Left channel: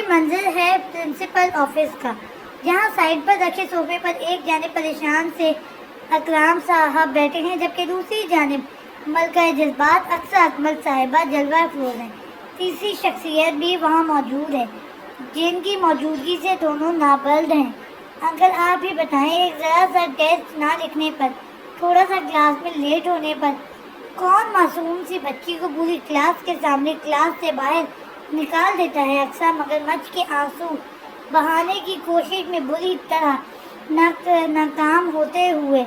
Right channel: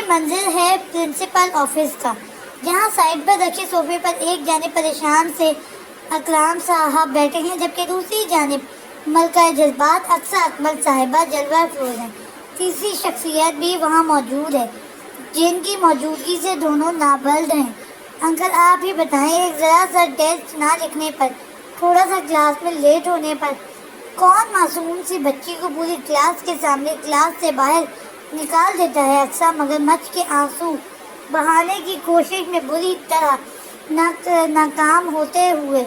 یہ منظر ہے پرنسپل آفس کا، جہاں سائڈ پر رکھے صوفے پر ایک جانب پریشان سے اکرام صاحب بیٹھے ہیں، جبکہ دوسری جانب ملکہ جذبات اقصیٰ اکمل صاحبہ جلوہ افروز ہیں۔ تیسری شخصیت بھی وہاں موجود ہے، جن کی موجودگی سے دونوں نابلد ہیں۔ انکل آپ ہی بتائیں، ایک ذرا سا ٹیسٹ نہ لکھنے پر، تھوڑا سا کلاس میں لیٹ ہونے پر کون معصوم سی بچی کو پوری کلاس کے سامنے کلاس سے باہر نکال دیتا ہے؟ اقصیٰ مگرمچھ کے آنسو بہانے کی کوشش میں بری طرح ناکام ہوتے ہوئے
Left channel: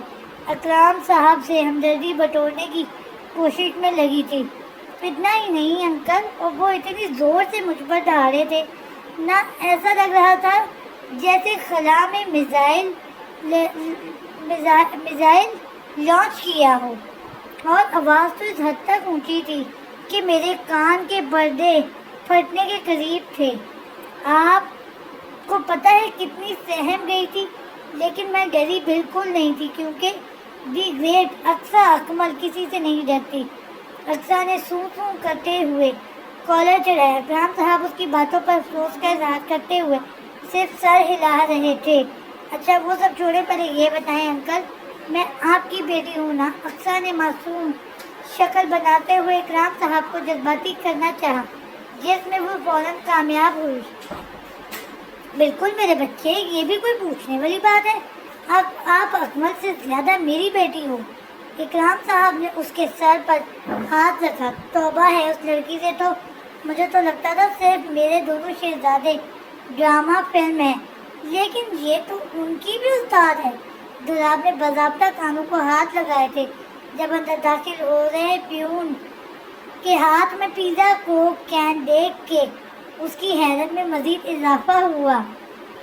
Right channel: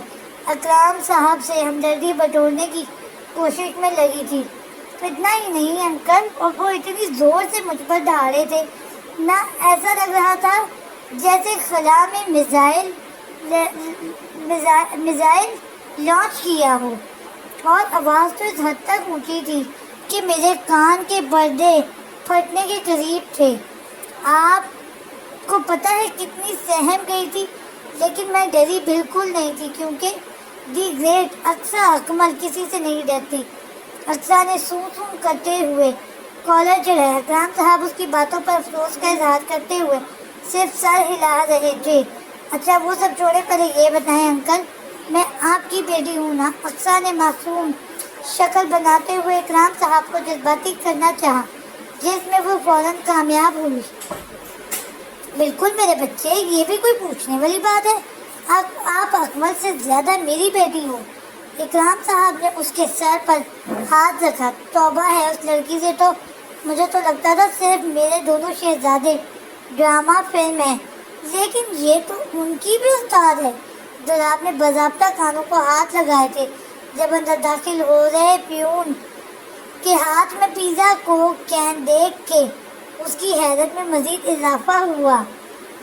اکرام صاحب سے ہمدردی بٹورنے کی کوشش میں لگی تھی۔ اتنا ہی نہیں انکل، اور وہ اتنی زور سے مجھ پر دھاڑے تھے نہ، ایسا لگ رہا تھا جیسے خلا میں میزائل لانچ کیا ہو، اور آواز تو اس حد تک اونچی تھی کہ میرے کان کے پردے پھٹنے کے قریب تھے۔ آپ کو پتہ ہے کتنی سہم گئی تھی، لیکن میں ڈری بالکل نہیں تھی، کیونکہ دی گریٹ اقصیٰ اکمل کسی سے نہیں ڈرتی۔ اقصیٰ نے سوں سوں کرتے ہوئے کالر چڑھایا۔ اکرام صاحب اس کی باتوں پر افسوس کا اظہار کرتے ہوئے صرف سر ہلا رہے تھے۔ اچھا وہ سب چھوڑے، پہلے یہ بتائیں انکل، میں آپ کی بیٹی ہوں نا؟ اقصیٰ نے معصوم شکل بناتے ہوئے اکرام صاحب کو جذباتی کرنا چاہا، جس میں وہ فوراً کامیاب ہوئی۔ بالکل میرے بچے، یہ بھی کوئی پوچھنے والی بات ہے؟ آپ اکمل سے زیادہ میری بیٹی ہو۔ اکرام صاحب نے اس کے سر پر ہاتھ رکھا۔ توبہ ہے، اس لڑکی سے تو مجھے تو لگتا تھا صرف میرے دونوں شہزادے ڈرامہ فلم ہیں، لیکن یہ تو ان کی بھی استاد ہے۔ دولاب نے باضابطہ کانوں کو ہاتھ لگائے تھے جب اندر داخل ہو رہے پیون کے ہاتھ میں پیزا کو کین دیکھ کے اس کی حیرت میں مزید اضافہ ہوا۔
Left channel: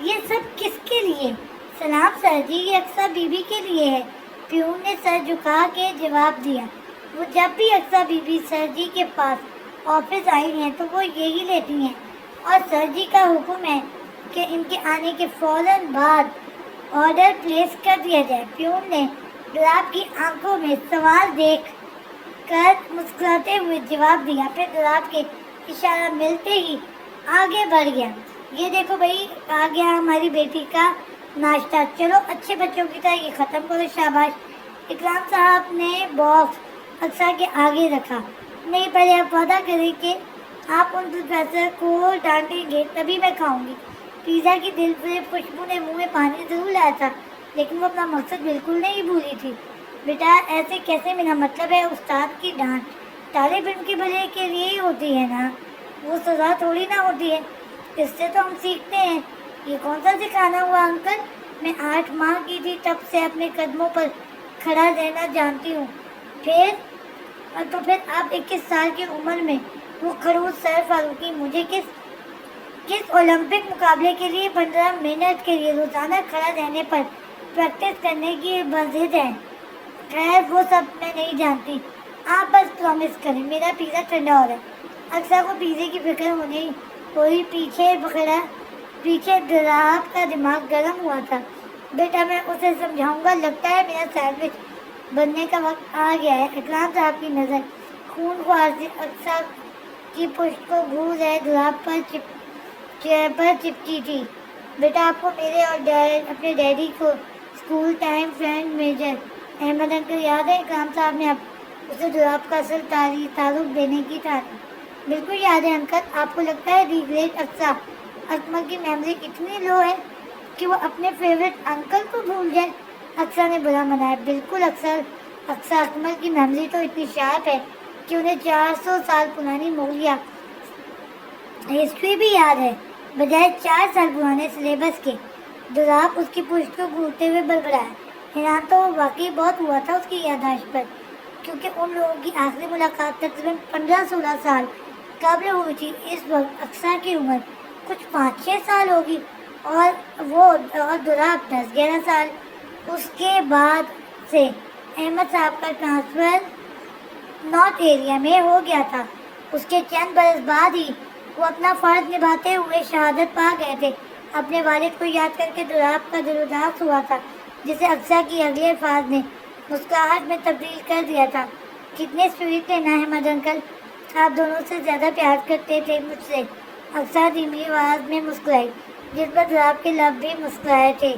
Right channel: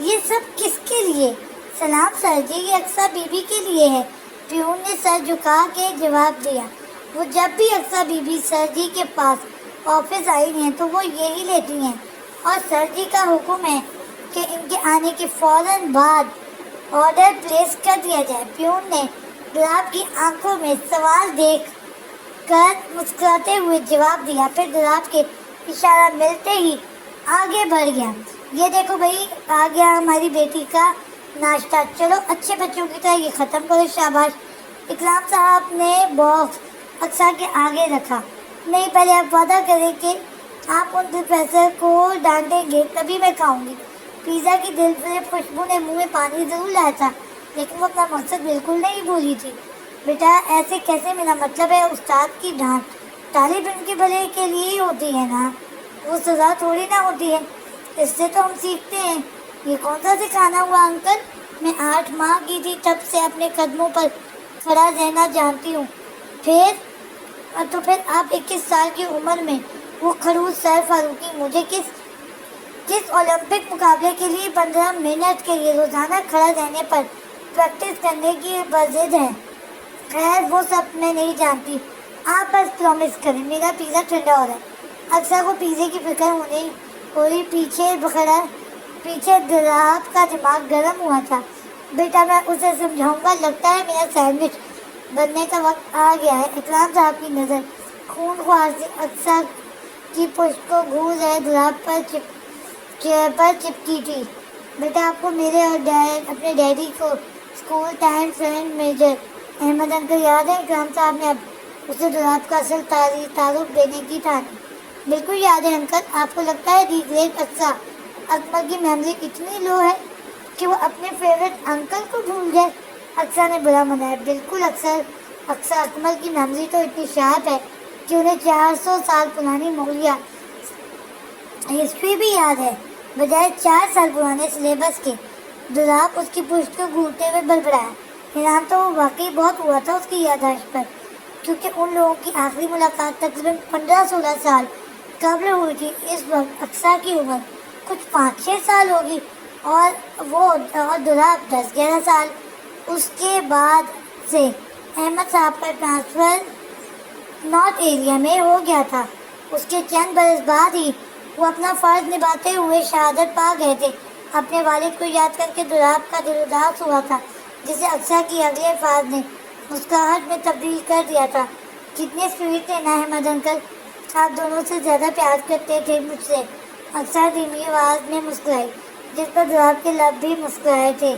یہ سب کس کے لیے؟ سلام سر جی، یہ اقصیٰ بی بی کے لیے ہے، پیون نے سر جھکا کے جواب دیا۔ وہ جب بھی اقصیٰ بی بی سر جی کے پاس آفس آئی ہیں تو وہ یہی لیتی ہیں، اور سر جی کا حکم ہے کہ ان کے آنے کے فوراً بعد آرڈر پلیس کر دیا جائے۔ پیون نے گلاب کی آنکھوں میں سوال دیکھ کر مسکراتے ہوئے جواب دیا، پھر گلاب کے اشارہ ملتے ہی آگے بڑھ گیا۔ یہ دیکھو بھائی، آ گیا ہماری بیٹی کا ناشتہ، چلو اچھے بچوں کی طرح یہ ختم کرو، شاباش۔ اکرام صاحب نے باکس اقصیٰ کے آگے رکھا۔ نہیں، پہلے آپ وعدہ کریں کہ آپ ان پروفیسر کو ڈانٹیں گے تبھی میں کھاؤں گی۔ پیزا کی دلفریب خوشبو نے منہ میں پانی ضرور لایا تھا، لیکن وہ اپنا مقصد بالکل نہیں بھولی تھی۔ بیٹا ایسے کیسے؟ میرا مطلب ہے استاد کی ڈانٹ طالب علم کی بھلائی کے لیے ہی ہوتی ہے نا، وہ سزا تھوڑی نہ ہوتی ہے، اس سے تو ہم سیکھتے ہیں۔ یہ کون سا سکھانا ہوا انکل؟ میں 8 ماہ کی تھی تب سے اپنے قدموں پر کھڑا رہنا جانتی ہوں۔ پھر آپ 21 سال کی عمر میں وہ خڑوس سر فاروقی مجھے کس اولمپک مقابلے کے لیے 15 منٹ کے لیے روزانہ کھڑا رہنے پر پریکٹس کرنے کی بضد ہے؟ خیر وہ سب میں نہیں جانتی، آپ بس پرومس کریں میرا پیزا ٹھنڈا ہو رہا ہے۔ اکثر کو پیزے کی فکر ہوئی پیچھے دولاب کا دماغ گرم ہوا تھا۔ بیٹا میں اسے سمجھاؤں گا، لگتا ہے میرا سینڈوچ بننے کا وقت آ گیا ہے۔ اکرام صاحب کی نظر خون خوار سے اکثر کی پشت کو گھور رہے دولاب پر چپکی تھی۔ بیٹا آپ کو میرے اور اپنے ڈیڈی کو school time friend major Ahmad uncle یاد ہے؟ اکرام صاحب نے اب اسے دولاب کا اصل تعارف دینے کی تھا۔ بالکل یاد ہے انکل، آپ کو لگتا ہے دی گریٹ اقصیٰ اکمل کی میموری اتنی لو ہے کہ وہ اپنے فیوریٹ انکل کو بھول گئے؟ اقصیٰ نے برا منایا۔ بالکل، اقصیٰ اکمل کی میموری تو اتنی شارپ ہے کہ انہیں 400 سال پرانی مغلیہ ہسٹری بھی یاد ہے، بجائے 4 سال پرانے سلیبس کے۔ دولاب اس کی پشت کو گھورتے ہوئے بڑبڑایا۔ حیران تو وہ واقعی بہت ہوا تھا اس کی یادداشت پر، کیونکہ ان لوگوں کی آخری ملاقات تقریباً 15-16 سال قبل ہوئی تھی۔ اس وقت اقصیٰ کی عمر کچھ 5-6 سال ہوگی، اور دولاب 10-11 سال۔ اس کے بعد سے احمد صاحب کا ٹرانسفر نارتھ ایریا میں ہو گیا تھا۔ اس کے چند برس بعد ہی وہ اپنا فرض نبھاتے ہوئے شہادت پا گئے تھے۔ اپنے والد کو یاد کر کے دولاب کا دل اداس ہوا تھا، جسے اقصیٰ کی اگلے الفاظ نے مسکراہٹ میں تبدیل کر دیا تھا۔ کتنے سویٹ تھے نا احمد انکل، آپ دونوں سے زیادہ پیار کرتے تھے مجھ سے۔ اکثر دھیمی آواز میں مسکرائی، جس پر دھراب کے لب بھی مسکرائے تھے۔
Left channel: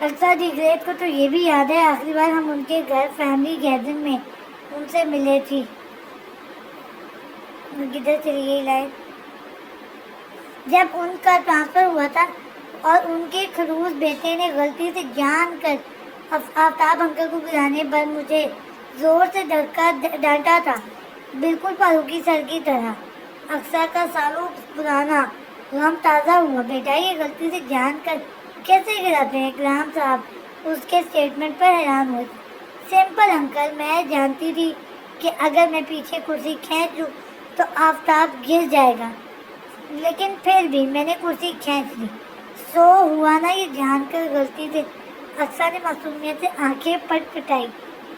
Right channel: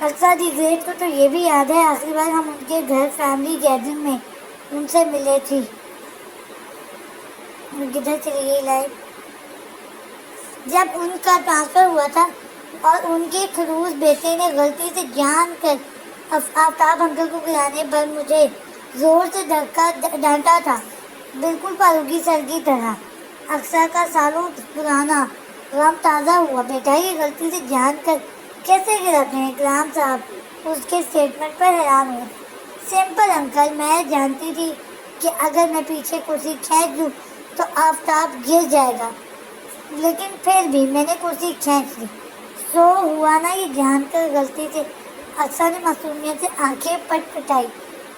اکثر دی گریٹ کو تو یہ بھی یاد ہے آخری بار ہم ان کے گھر فیملی گیدرنگ میں ان سے ملے تھی۔ کدھر چلی گئی لائن؟ جب ان کا ٹرانسفر ہوا تھا اور ان کے خلوص بیٹے نے غلطی سے جان کر آفتاب انکل کو گرانے پر مجھے زور سے ڈانٹا تھا، بالکل فاروقی سر کی طرح۔ اقصیٰ کا سالوں پرانا غم تازہ ہوا۔ بیٹا یہ غلطی سے جان کر کیسے گراتے ہیں؟ اکرام صاحب اس کے اسٹیٹمنٹ پر حیران ہوئے۔ سمپل انکل، میں جانتی تھی کہ اگر میں پیچھے کرسی کھینچ دوں تو آفتاب گر جائے گا، لیکن پھر بھی میں نے کرسی کھینچ لی۔ سو ہوا نا یہ جان کر غلطی سے؟ اقصیٰ نے معصومیت سے آنکھیں پٹ پٹائی۔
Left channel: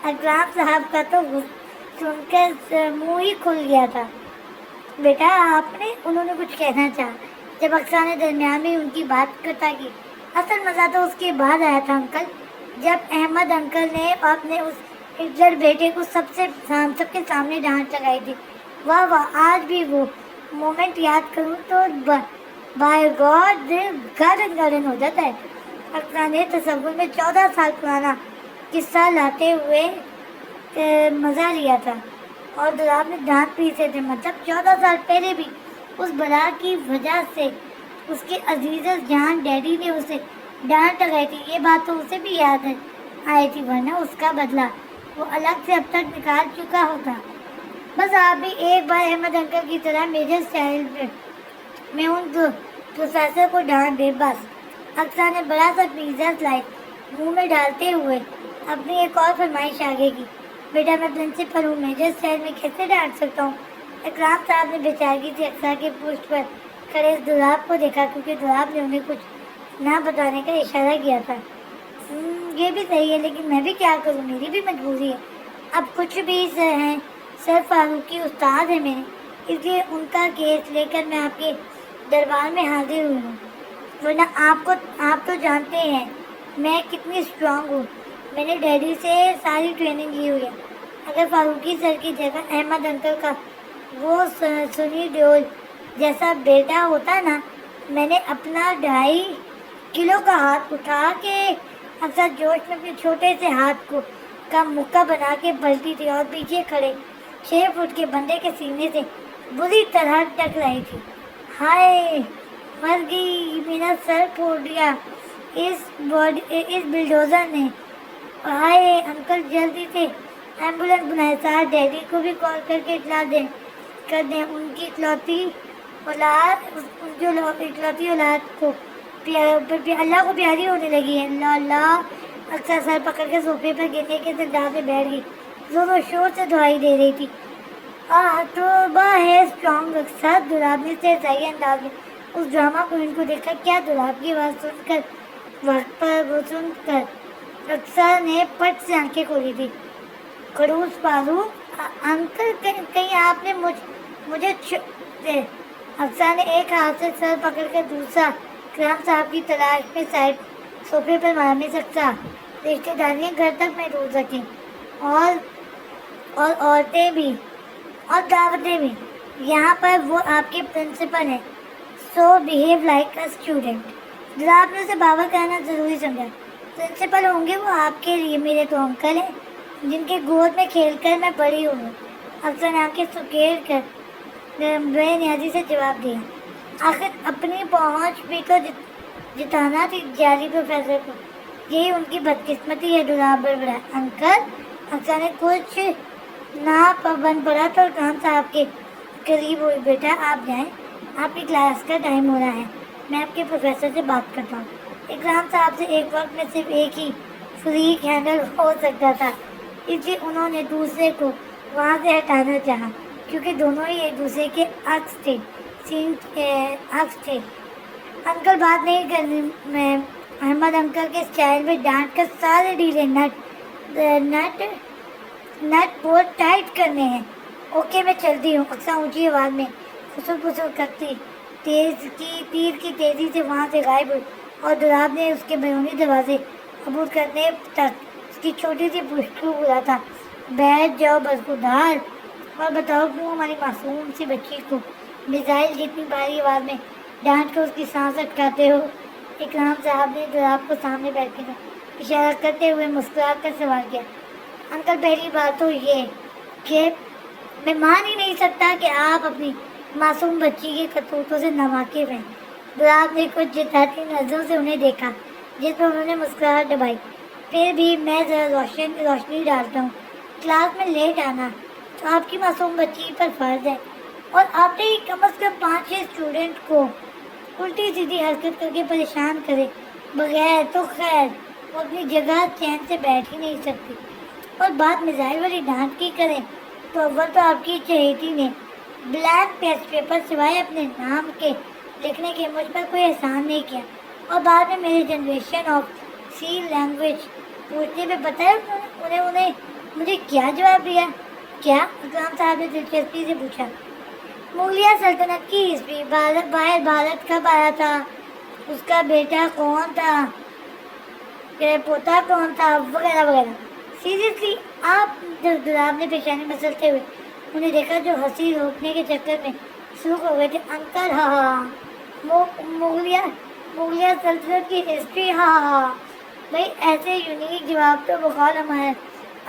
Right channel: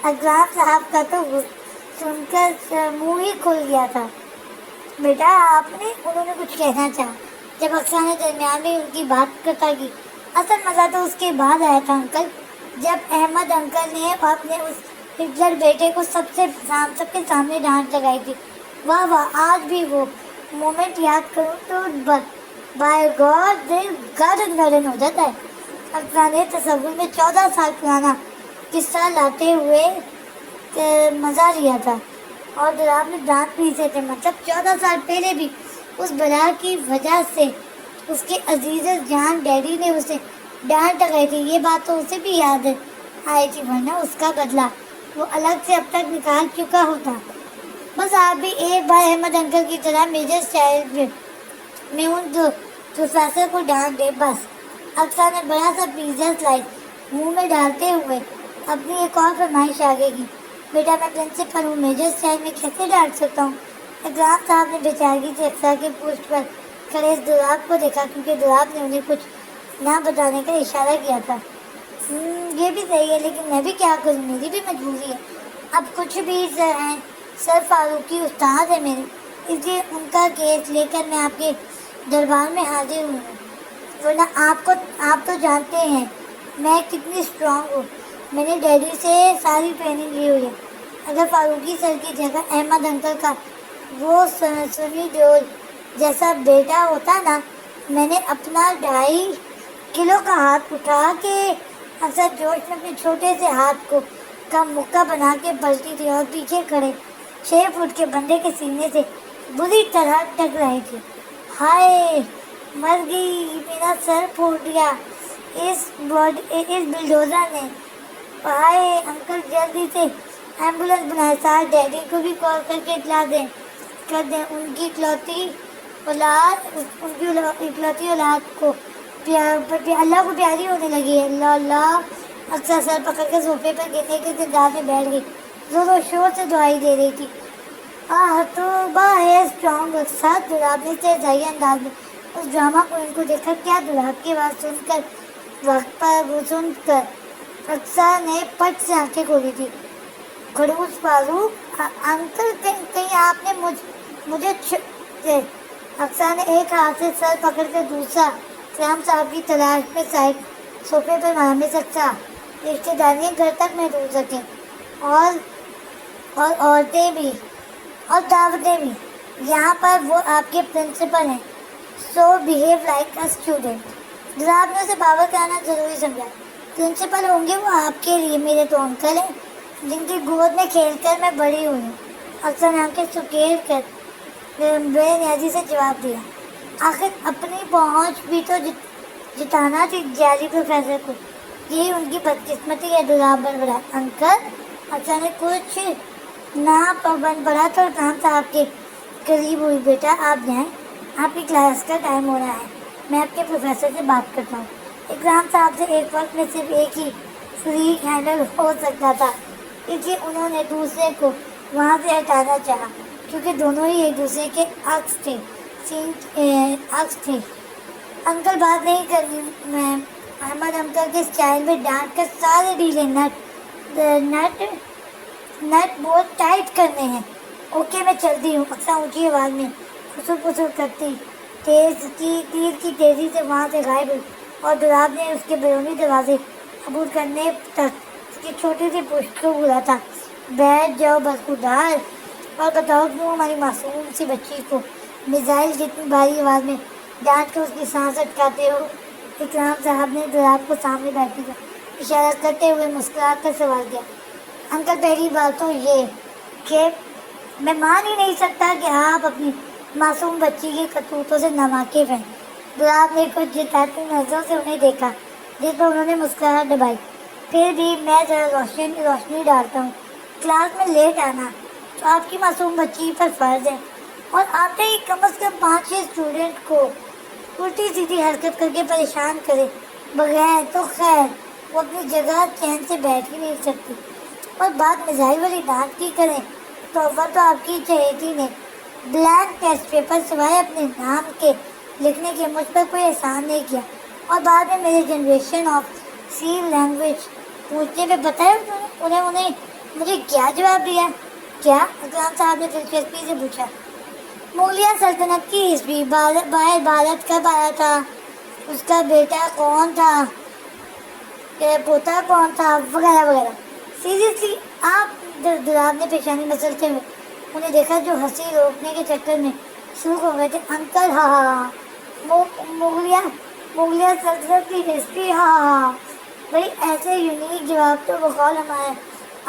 اکرام صاحب کا تو سن کر منہ ہی کھل گیا تھا۔ بیٹا آپ نے، انہوں نے کچھ کہنا چاہا جب اقصیٰ نے درمیان میں ان کی بات قطع کی۔ اصل مزہ تو اس کے بعد آیا تھا انکل، جب احمد انکل نے اپنے اس ہٹلر بیٹے کو سب کے سامنے ڈانٹ لگائی تھی۔ واہ واہ، آج بھی وہ مومنٹ یاد کروں تو بائی گاڈ دل گارڈن گارڈن ہو جاتا ہے۔ اقصیٰ نے تصور میں 14 سال پرانا قصہ لاتے ہوئے مزہ لیا تھا، اور دھراب نے دانت پیسے تھے، مطلب 14 سال پہلے بھی اس بلا کی وجہ سے اس کے عزیز جان ڈیڈی نے اسے ڈانٹ لگائی تھی۔ یہ بات تو اسے بھی یاد آئی تھی، ورنہ اس کا بدلہ وہ الگ سے اب تک نکال چکا ہوتا۔ بس آپ بھی ایک بار احمد انکل کی طرح میجر اسٹائل میں ان پروفیسر کو ڈانٹ دے بس۔ اقصیٰ نے بڑا سا پیزا سلائس منہ میں ڈالتے ہوئے اپنی ایک اور فرمائش آگے کی۔ بیٹا میں پرنسپل ہوں، میجر اسٹائل میں کیسے ڈانٹ سکتا ہوں؟ اکرام صاحب نے بیچارگی سے اقصیٰ کی پشت پر کھڑے اس دھراب کو دیکھا، کیونکہ دھراب نے انہیں کچھ نہ بتانے کا اشارہ کیا تھا۔ یہ بھی صحیح ہے، لیکن میں بھی کیا کروں، میری بھی مجبوری ہے۔ اب کچھ بھی ہیں، سر فاروقی استاد ہے میرے، اس لیے ان کا کیس لے کر میں آپ کے دربار میں حاضر ہوں، ورنہ آپ تو جانتے ہیں میں کتنی اسٹرانگ ہوں۔ میں نے ڈیڈی سے ساری ٹریننگ لی ہوئی ہے۔ اگر فاروقی سر کی جگہ احمد انکل کا وہ سنی دیول جیسا بیٹا ہوتا نا، میں نے اپنا 2.5 کلو کا ہاتھ اٹھا کے اکثر جوش میں اپنے چھوٹے سے ہاتھ کو کا مکہ بنا کے بلتی تھی اور پیچھے کھڑے 6 فٹ کے بندے کے سینے سے بری طرح ٹکرائی تھی۔ ہائے مر گئی، میرا سر پھوٹ گیا اس بلڈوزر نے۔ ہائے انکل، جلدی سے ایمبولینس بنائے، ساتھ ڈیڈی کو بھی کال کر کے اطلاع دیں ان کی اکلوتی اولاد کو اللہ کو پیاری ہونے لگی ہے۔ اللہ اللہ، اکثر سر پکڑ کے صوفے پر گرنے کے انداز میں بیٹھ گئی، زور و شور سے دعائی دے رہی تھی۔ توبہ ہے اسٹرانگ اکثر، دھراب نے استہزائی انداز میں اس ڈرامہ کوئن کو دیکھا۔ کیا دھراب کی آواز سن کر وقت پر اکثر نے پٹ سے آنکھیں کھولی تھی۔ خڑوس فاروق انکل، کہیں آپ نے مجھے اکثر نے ایک ہاتھ سے سر پکڑ کر دوسرا اکرام صاحب کی تلاش میں صاحب صوفے پر مارنے سکتا۔ رشتے داریاں گھر تک محدود رکھیں، اور عورتیں بھی اور دعوتیں بھی، یہاں پر وہ آپ کے پرنسپل ہیں، سو بیہیو لائک اے اسٹوڈنٹ۔ دھراب نے اسے باور کرانا ضروری سمجھا۔ پرنسپل ہوں گے وہ آپ کے لیے، میرے تو انکل ہیں جن کے گود میں کھیل کر میں بڑی ہوئی۔ اکثر نے آنکھیں سکیڑ کر بے نیازی سے جواب دیا۔ آخر اپنی پہنچ بھی تو جتانا تھی جعلی پروفیسر کو، یہی ان کی بدقسمتی ہے۔ دھراب بڑبڑا۔ انکل، اکثر نے کچھ نہ بن پڑا تو اکرام صاحب کے قریب ہوئی۔ بیٹا آپ جائیں، آپ کی کلاس کا ٹائم ہو رہا ہے، میں آپ کے پروفیسر سے بات کرتا ہوں۔ اکرام صاحب سے ایک وقت میں صرف ایک ہی فریق ہینڈل ہو سکتا تھا، اس لیے انہوں نے دوسرے کو وہاں سے ہٹانا چاہا، کیونکہ دونوں ہی ایک دوسرے کے عکس تھے۔ انکل بات نہیں کرنی، میں احمد انکل کے اسٹائل میں ڈانٹ کر سارے ڈھیلے نٹ بہت ٹائٹ کرنے ہیں۔ اوکے میں چلتی ہوں۔ اکثر اونچی آواز میں پھسر کرتی تیر کی تیزی سے وہاں سے غائب ہوئی، اور دھراب نے اس کے بیرونی دروازے عبور کرنے تک اس کی چھوٹی سی پشت کو بولا تھا۔ بیٹھ جاؤ بدخودار، اور بتاؤ کیوں ہماری معصوم سی بچی کو میزائل جتنی بھاری آواز میں ڈانٹ کر اس کی سانس اٹکاتے ہو؟ اکرام صاحب نے دراب کو سامنے بیٹھنے کا اشارہ کرتے ہوئے مسکرا کر سوال کیا۔ انکل پہلی بات تو یہ کہ میں مان ہی نہیں سکتا کہ آپ اپنی معصوم بچی کے کرتوتوں سے ناواقف ہیں۔ دراب نے کچھ جتاتی نظروں سے انہیں دیکھا جس پر انہوں نے مسکراہٹ دبائی۔ پھر بھی میں ذرا روشنی ڈالتا ہوں۔ کلاس میں لیٹ آنا تو آپ کی معصوم بچی پر فرض ہے، اور آتے ہی کم از کم 5-6 اسٹوڈنٹ کو الٹی سیدھی حرکت کر کے پریشان کرے بغیر تو خیر وہ اپنی جگہ چین سے بیٹھ ہی نہیں سکتی، اور بات میزائل والی ڈانٹ کی کرے تو اول تو آپ کی چہیتی نے بلینک ٹیسٹ پیپر سوائے اپنے نام کے لکھنے کے مجھ پر کوئی احسان نہیں کیا، اور بعد میں میری جنریشن آف سی لینگویج پوچھنے پہ پتہ ہے انہیں مجھے کیا جواب دیا؟ کیا؟ اکرام صاحب نے دلچسپی سے پوچھا۔ مغلیہ سلطنت کی عیسوی بھارت کب آیا تھا، اس کا بیٹا کون تھا، پوتا کون تھا، وغیرہ وغیرہ۔ سیریسلی آپ؟ دراب نے پیشانی مسلتے ہوئے انہیں دیکھا جو ہنسی روکنے کے چکر میں سرخ ہو گئے تھے۔ انکل ہاں، مغلیہ سلطنت کی ہسٹری، ہاں بھائی ایسے یونیک جواب تو بقول ہمارے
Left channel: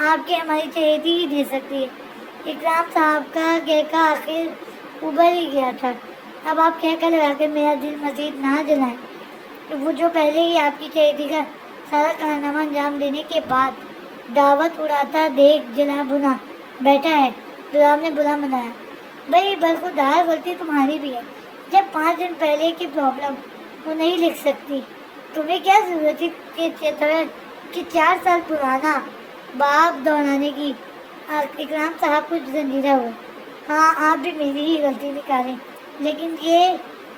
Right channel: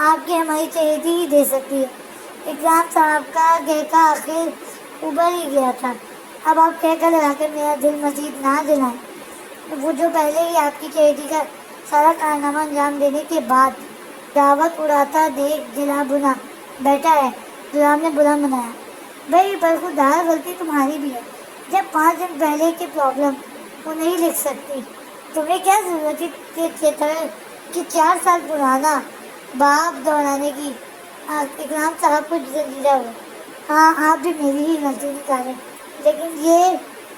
آپ کی ہماری چہیتی ہی دے سکتی ہے۔ اکرام صاحب کا کہکا آخر ابھر ہی گیا تھا۔ اب آپ کہہ کر لگا کر میرا دل مزید نہ جلائیں۔ وہ جو پہلے ہی آپ کی چہیتی کا سارا کارنامہ انجام دینے کے بعد دعوت اڑاتا دیکھ جلا بنا بیٹھا ہے، تو آپ نے برا منایا۔ بھائی برخودار غلطی تمہاری بھی ہے، جب 5 دن پہلے کی پرابلم وہ نہیں لکھ سکتی، تمہیں کیا ضرورت ہے کہ 4 سال پرانا باپ دوہرانے کی؟ اکرام صاحب کچھ زنجیدہ ہوئے۔ ہاں آپ بھی میری ہی غلطی نکالیں، لیکن یہ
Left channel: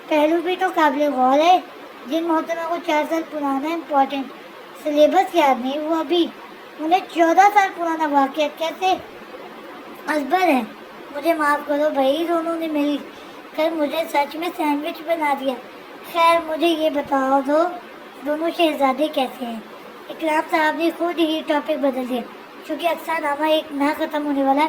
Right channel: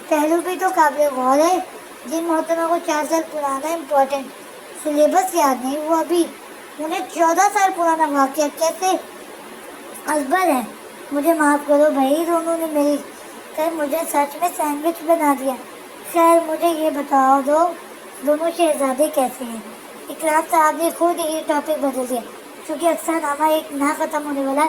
پہلو بھی تو قابل غور ہے۔ جن محترمہ کو 4 سال پرانا امپورٹنٹ سلیبس یاد نہیں ہوا ابھی، انہیں 14 سال پرانا واقعہ کیسے ازبر ہے؟ مجھے معاف کرو بھائی، دونوں نے مل کر مجھے سچ میں سینڈوچ بنا دیا۔ خیر مجھے یہ بتاؤ دونوں شہزادے کیسے ہیں؟ اکرام صاحب نے خود ہی ٹاپک بدل دیا، کیونکہ اکثر نامہ ایک نہ ختم ہونے والا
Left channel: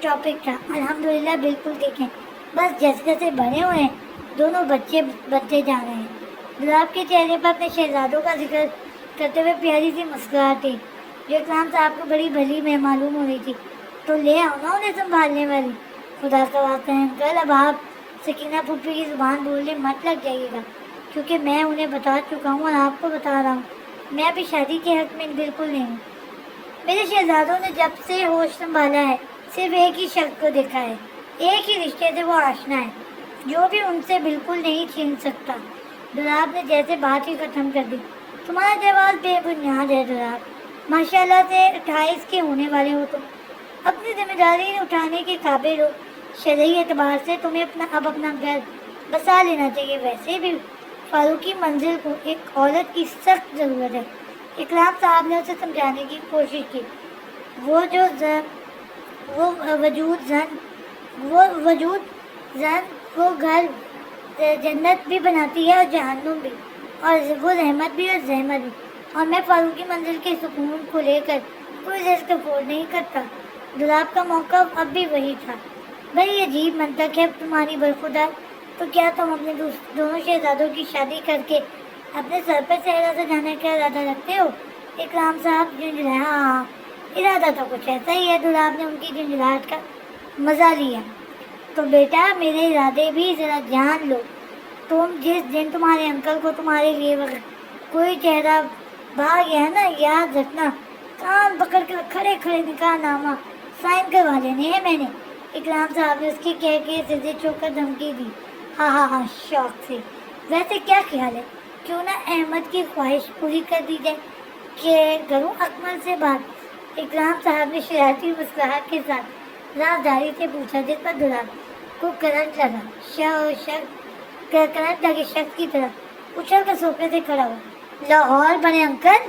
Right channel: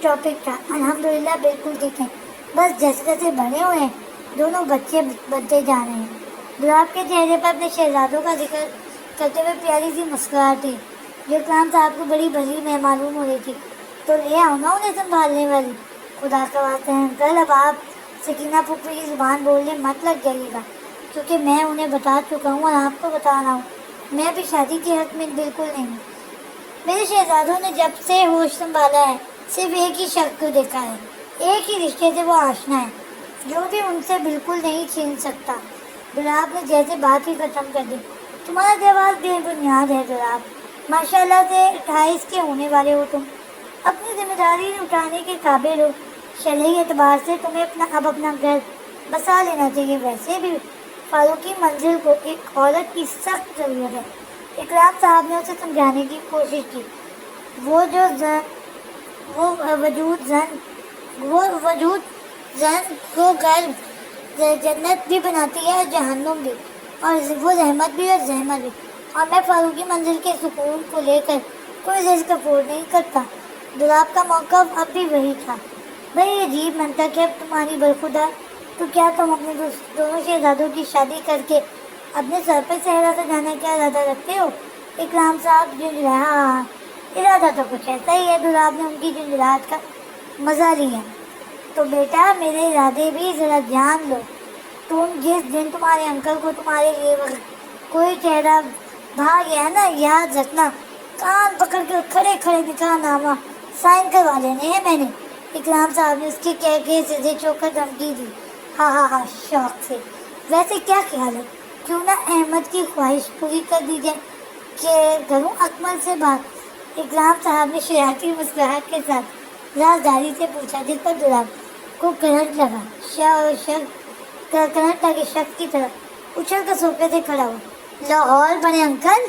ٹاپک تھا۔ الحمدللہ بالکل ٹھیک ہے، بس جیسے جیسے بڑے ہوئے ہیں دونوں بچے بنتے جا رہے ہیں۔ دراب کے چہرے پر اپنے شہزادوں کا ذکر کرتے ہوئے پیاری سی مسکراہٹ تھی جو اکرام صاحب کو بڑی بھلی میں معلوم ہو رہی تھی۔ تو لے آؤ نا انہیں سنبھالنے والی۔ خدا کا واسطہ ہے انکل، اب آپ سکینہ پھوپھی کی زبان بولنے مت لگ جائیے گا، کیونکہ میں انہیں بتا چکا ہوں اور آپ کو بتا رہا ہوں، میں بھی شادی کے حق میں بالکل نہیں ہوں۔ میرے شہزادوں نے جب سے ہوش سنبھالا ہے صرف ایک ہی شخص کو دیکھا ہے، ایک ہی رشتے سے وہ آشنا ہے جو بھی ان سے بالکل نہیں چھین سکتا۔ دراب نے جیسے بات ہی ختم کر دی۔ تمہارا جواب بے بنیاد ہے دراب، ماشاءاللہ سے 28 کے ہونے والے ہو تم، اپنی ذمہ داری اٹھانے کے قابل ہو، شرعی اعتبار سے تمہیں اپنا گھر بسا لینا چاہیے۔ ویسے بھی فاروقی منزل کو ایک عورت کی سخت ضرورت ہے۔ اکرام صاحب نے اسے سمجھانے کی کوشش کی۔ وہ وجود زن کو گھر جنت بھی بناتی ہے اور جہنم بھی، اور وہ رحمت بھی اور زحمت بھی، اور میں فاروقی منزل کے سکون کو لے کر کوئی رزق افورڈ نہیں کرتا۔ دراب کا موقف اب بھی وہی تھا۔ بڑی عجیب منطق ہے تمہاری برخودار، تو کیا تم اپنے دونوں شہزادوں کی شادی کر کے اپنے سر پہ صحرا سجانے کا ارادہ رکھتے ہو؟ اکرام صاحب جھنجھلائے۔ ہاں ارادہ تو کچھ ایسا ہی ہے۔ دراب نے ان کی جھنجھلاہٹ کا مزہ لیا۔ تو بیٹا میرے ارادے بھی ذرا جان لو، جس دن تمہارے انکل کو تمہارے لیے کوئی چہرہ بھاگ گیا نا، یاد رکھنا کان پکڑ کر کھڑے کھڑے نکاح نامہ سائن کروا لینے ہیں میں نے۔ اکرام صاحب نے اس کی کہہ کے سیدھے چوک کر دھمکی دی۔ ہاں شوق سے۔ ویسے کیا خیال ہے، کیوں نہ احمد کی خواہش پوری کر دی جائے کہ کروں اکمل سے بات؟ اکرام صاحب نے شرارتی مسکراہٹ کے ساتھ رازداری سے پوچھا، جس پر دراب کو کرنٹ لگا۔ کرنٹ لگے شخص کی طرح اچھل کر صوفے سے کھڑا ہوا۔ لاہور بڑے انکل،